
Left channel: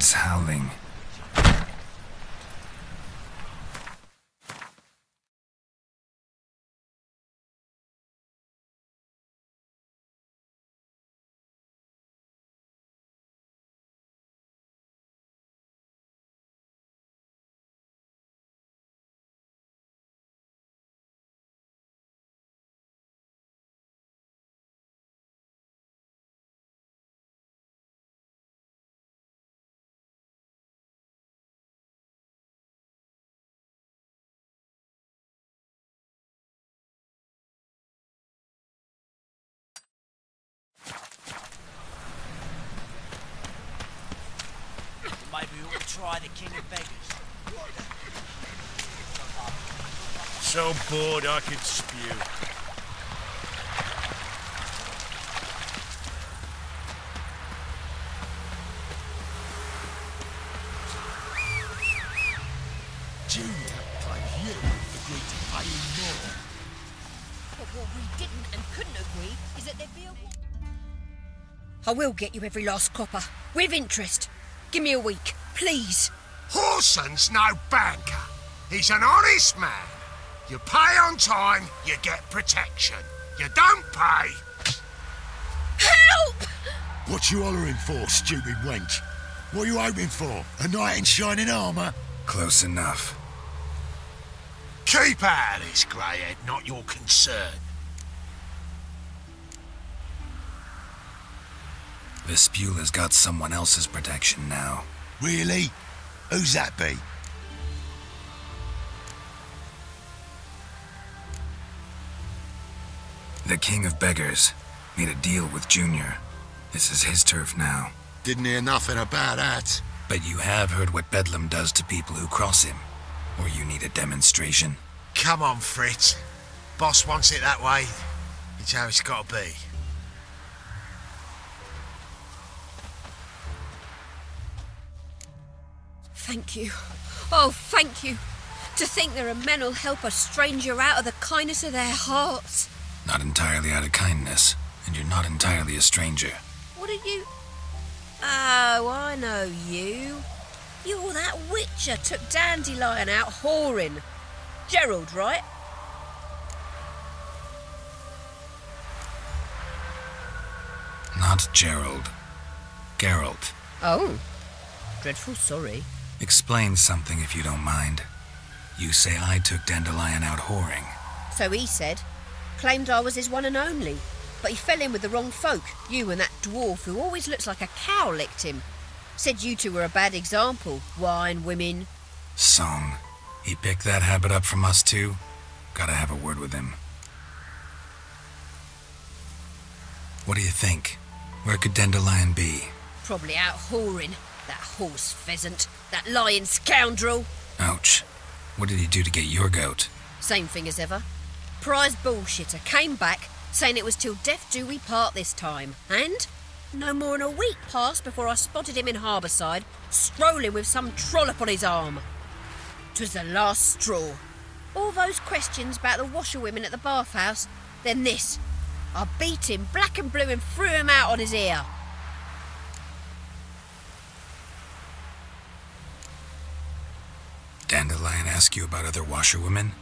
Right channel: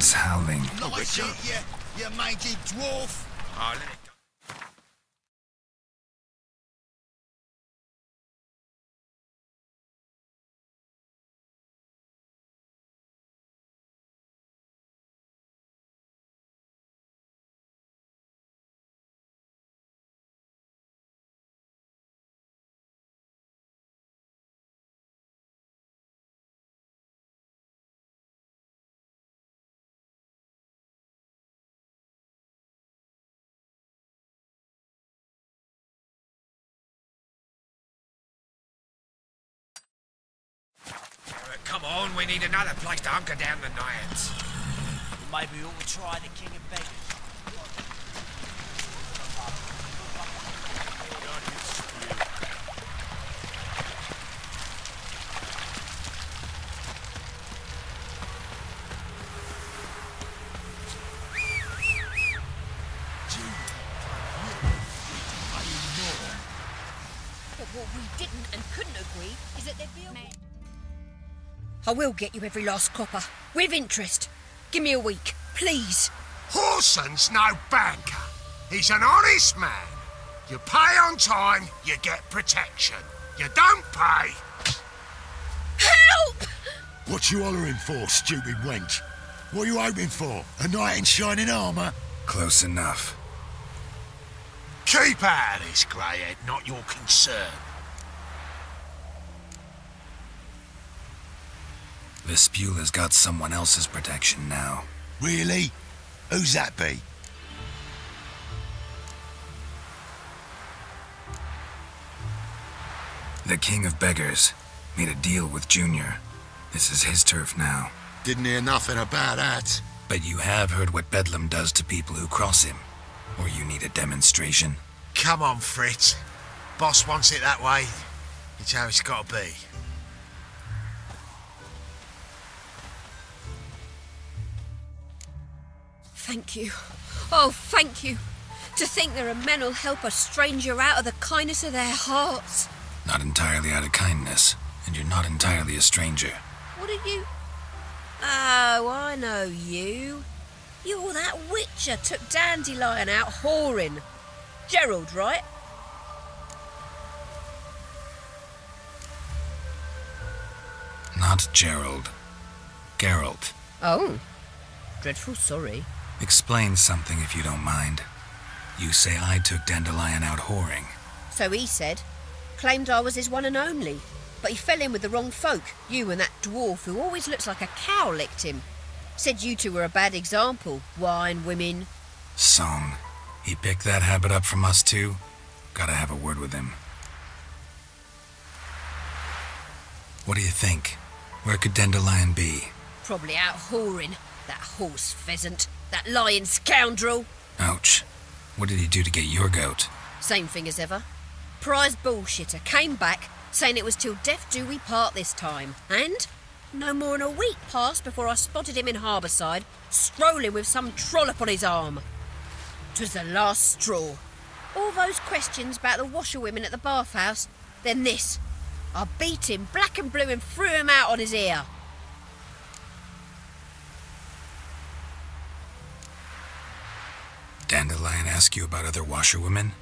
winds howling. You mangy dwarf! Come on, we need another place to hunker down the nights. Maybe we ought to try the King of Beggars. So bored I could spew. But what we didn't and couldn't agree is that there'd be a... I will get you every last copper, with interest. Give me a week, please. Horson's no banker. He's an honest man. You pay on time, you get protection. You don't pay... Help! What you hollering for, stupid wench? What are you hoping for? A knight in shining armour? Close enough. Keep out of this, greyhead, not your concern. Vespula's got someone else's protection now. Really? Who's that be? The King of Beggars made a deal with Junior. This is his turf now. Didn't hear nothing about that. But you have heard what Bedlam does to people who cross him. Or you need a demonstration? Come on, Fritz. Boss wants it that way. It's how it's got to be. Thank you. Oh, thank you. To think there are men who'll help a stranger out of the kindness of their hearts. Not entirely out of kindness, and you're not entirely a stranger. What are you... Oh, I know you. You're that witcher took Dandelion out whoring. Gerald, right? Not Gerald. Geralt. Oh. Dreadful sorry. Explain something if you don't mind. You say I took Dandelion out whoring. So he said. Claimed I was his one and only. But he fell in with the wrong folk. You and that dwarf who always looks like a cow licked him. Said you two were a bad example. Wine, women. Song. He picked that habit up from us too? Gotta have a word with him. What do you think? Where could Dandelion be? Probably out whoring. That horse pheasant. That lying scoundrel. Ouch. What did he do to get your goat? Same thing as ever. Prize bullshitter came back, saying it was till death do we part this time. And no more than a week passed before I spotted him in Harbourside, strolling with some trollop on his arm. 'Twas the last straw. All those questions about the washerwomen at the bathhouse, then this. I beat him black and blue and threw him out on his ear. Dandelion ask you about other washerwomen?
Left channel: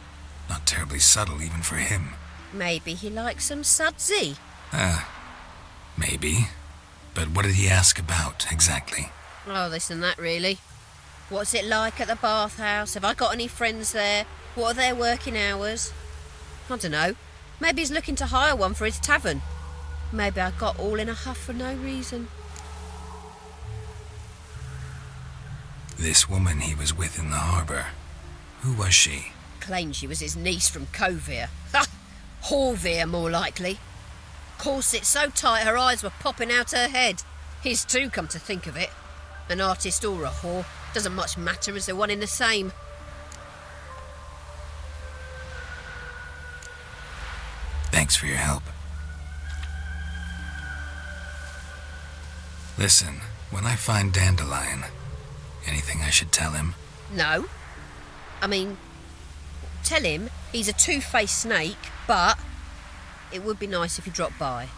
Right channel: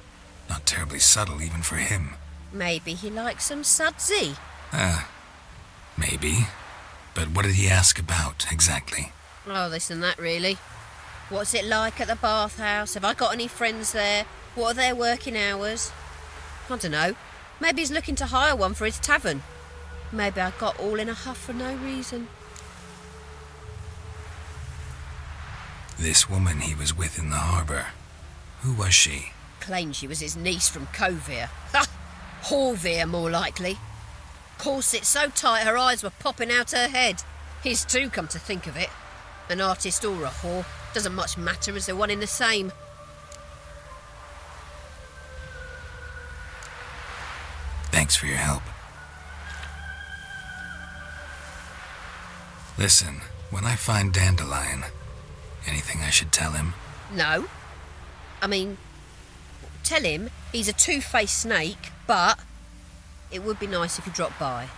Not terribly subtle even for him. Maybe he likes some sudsy. Maybe. But what did he ask about, exactly? Oh, this and that, really. What's it like at the bathhouse? Have I got any friends there? What are their working hours? I don't know. Maybe he's looking to hire one for his tavern. Maybe I got all in a huff for no reason. This woman he was with in the harbour. Who was she? Claimed she was his niece from Covere. Ha! Horvere, more likely. Corset so tight her eyes were popping out her head. His too, come to think of it. An artist or a whore. Doesn't much matter as they're one in the same. Thanks for your help. Listen, when I find Dandelion, anything I should tell him? No. I mean, tell him he's a two-faced snake, but it would be nice if he dropped by.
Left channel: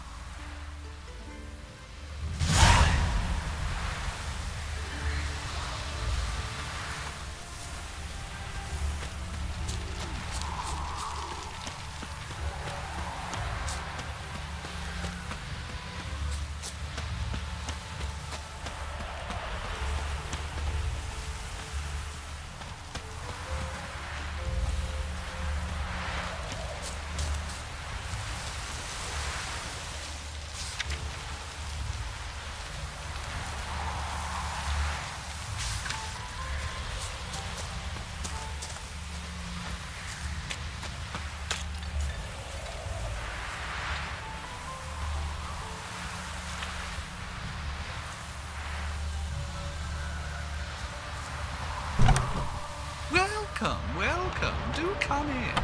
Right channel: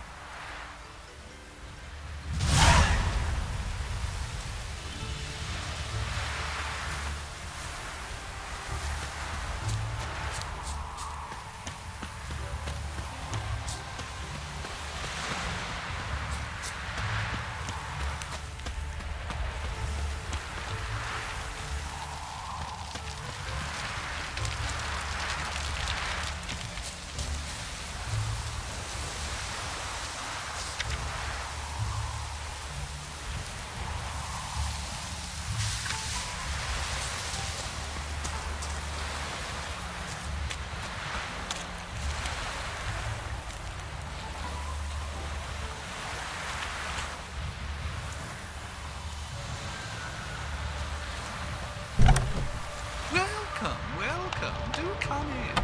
come in.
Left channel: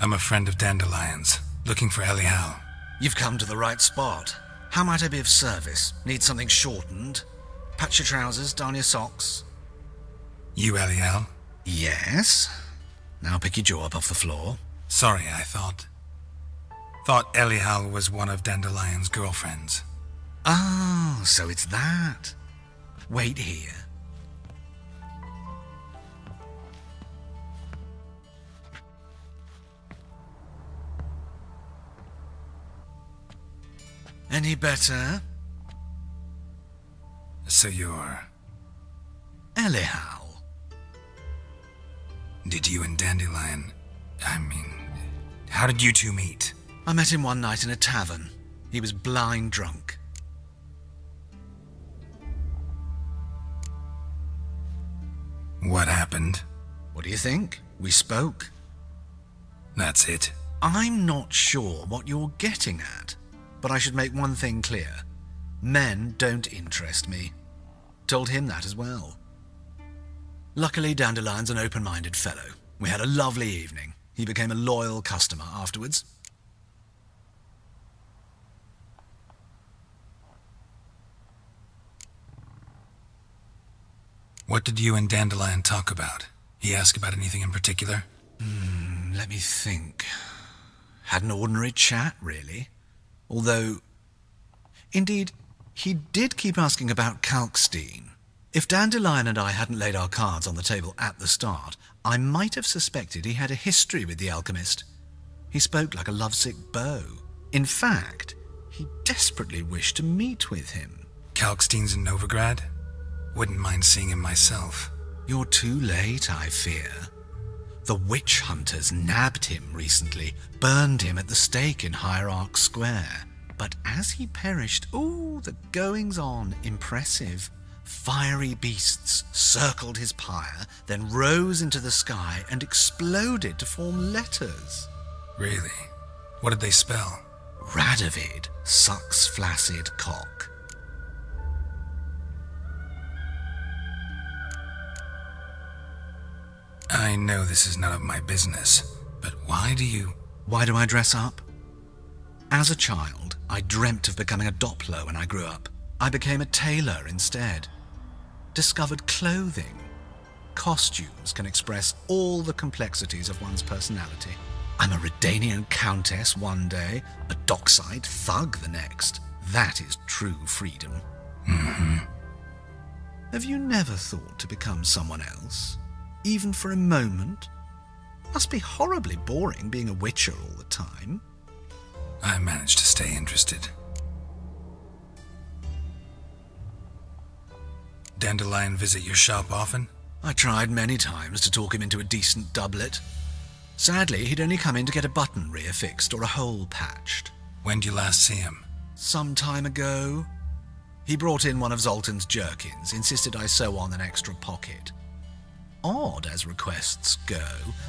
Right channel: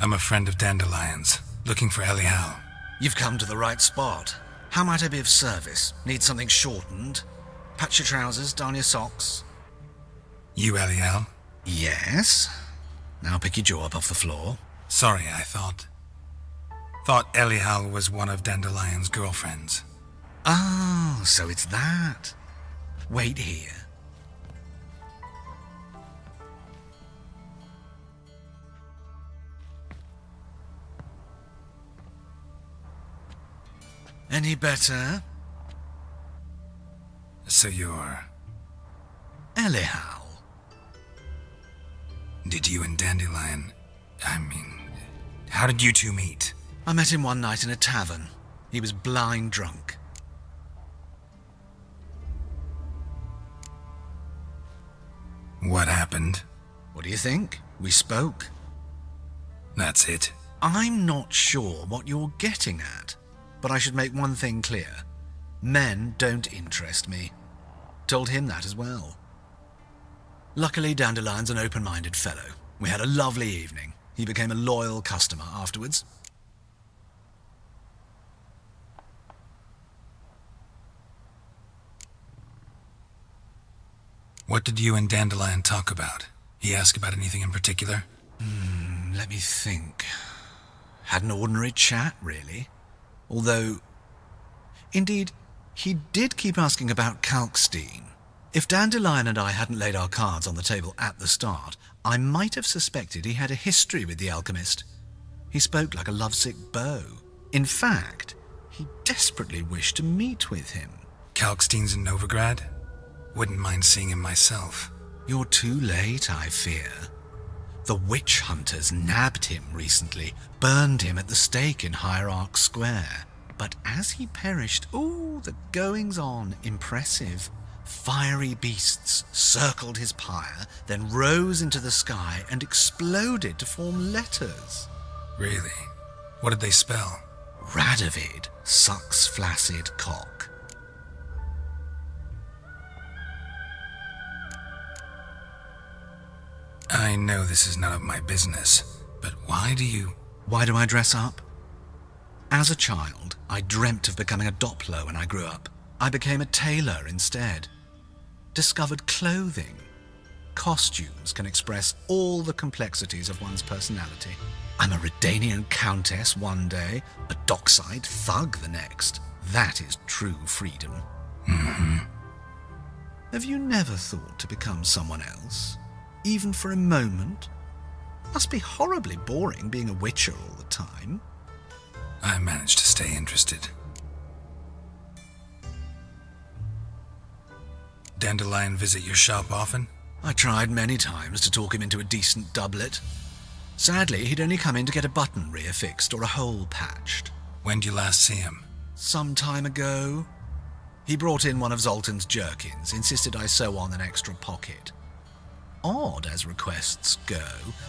I'm a friend of Dandelion's, looking for Elial. You've come to the right spot. How might I be of service? Need something shortened? Patch your trousers, darn your socks. You Elial? Yes. Now pick your jaw up off the floor. Sorry, I thought Elial was one of Dandelion's girlfriends. Oh, so it's that. Wait here. Any better? So you're... Elial. Did you and Dandelion... how did you two meet? I met him one night in a tavern. He was blind drunk. What happened? What do you think? We spoke. That's it? I'm not sure what you're getting at, but I should make one thing clear. Men don't interest me. Told him that as well. Luckily, Dandelion's an open-minded fellow. We had a lovely evening. He became a loyal customer afterwards. What did you and Dandelion talk about? He asked about anything in particular? Let me think. Had an ordinary chat, really. Although, indeed, he did keep asking about Kalkstein. If Dandelion and I hadn't laid our cards on the table at the start, I might have suspected he had a history with the alchemist. He spoke like a lovesick beau. In fact, he desperately wished to meet with him. Kalkstein's in Novigrad? Wouldn't mind seeing him myself. You're too late, I fear. The witch hunters nabbed him recently, burned him at the stake in Hierarch Square. But as he perished, the goings-on, impressive. Fiery beasts circled his pyre, then rose into the sky and exploded to form letters. Really? What did they spell? Radovid sucks flaccid cock. I know this is none of my business, but why do I dress up? As a child, I dreamt of becoming a Doppler when I grew up. I became a tailor instead. Discovered clothing. Costumes can express all the complexities of one's personality. I'm a Redanian countess one day, a dockside thug the next. That is true freedom. Mm-hmm. Have you never thought to become someone else? Even for a moment? Must be horribly boring being a witcher all the time. I managed to stay interested. Dandelion visit your shop often? I tried many times to talk him into a decent doublet. Sadly, he'd only come in to get a button reaffixed or a hole patched. When did you last see him? Some time ago. He brought in one of Zoltan's jerkins, insisted I sew on an extra pocket. Odd as requests go,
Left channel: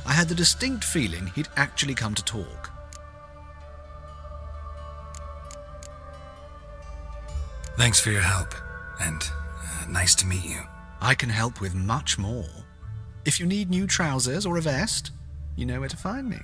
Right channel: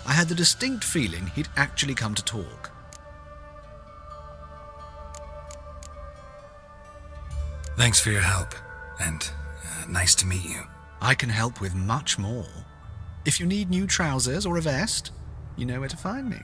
I had the distinct feeling he'd actually come to talk. Thanks for your help, and nice to meet you. I can help with much more. If you need new trousers or a vest, you know where to find me.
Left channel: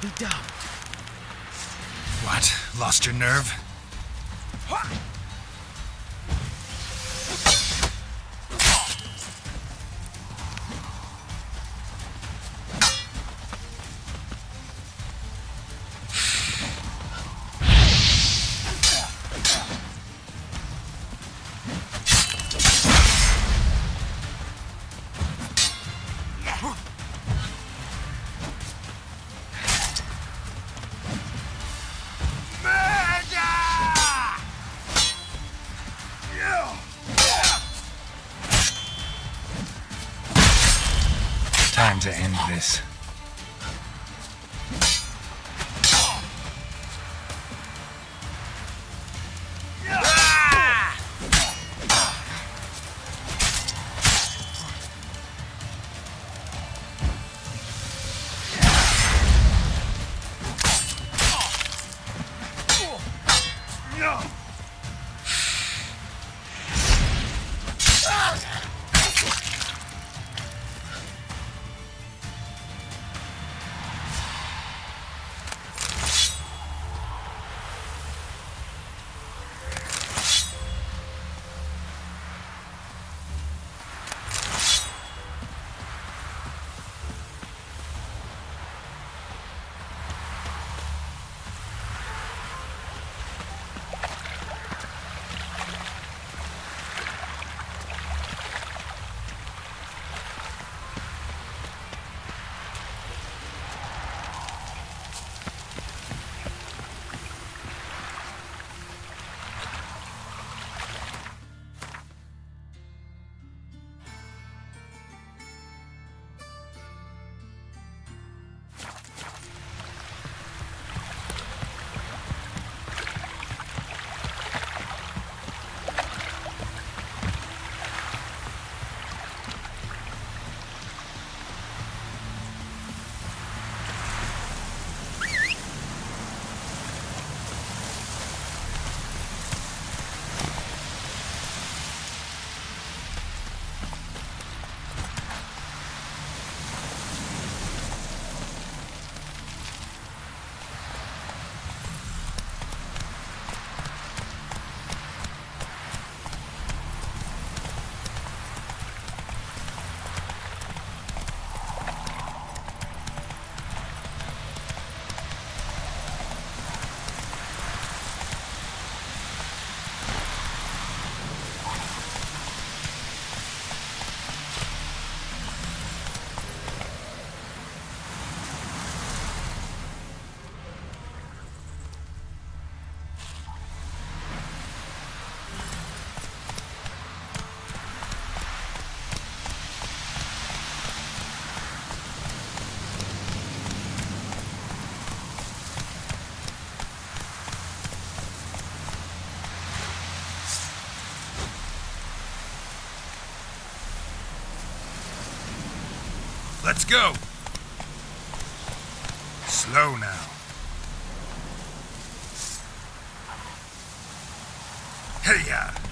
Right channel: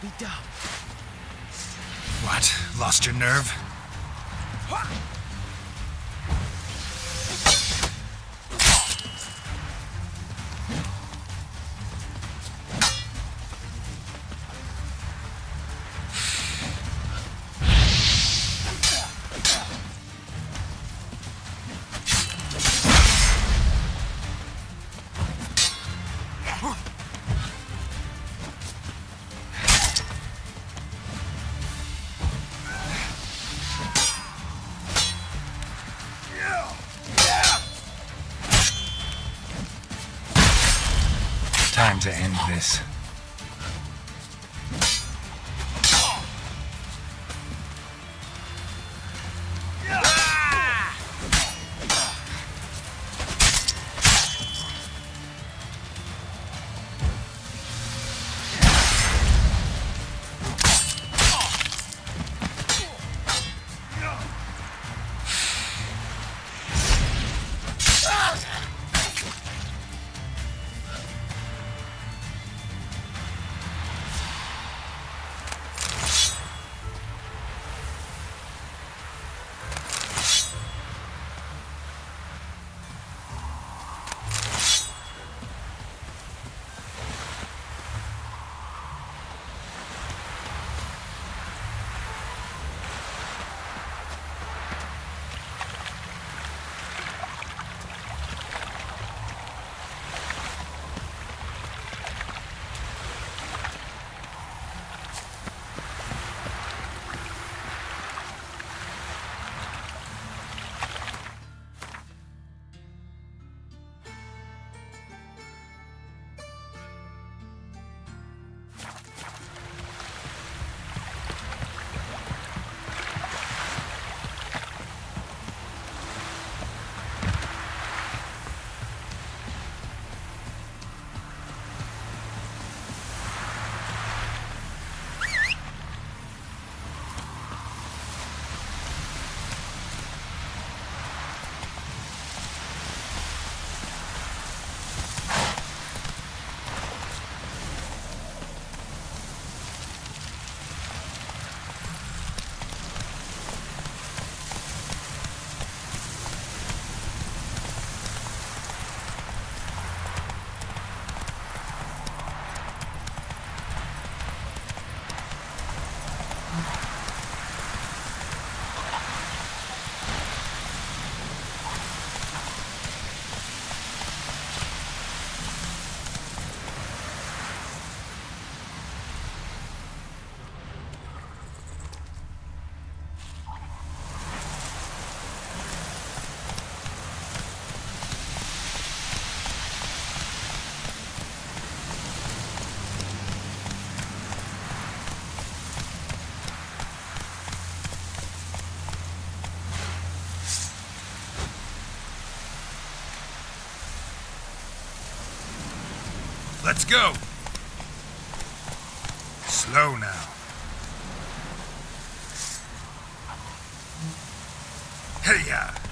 be damned. What? Lost your nerve? Time to end this. Let's go. Slow now. Hey-ya!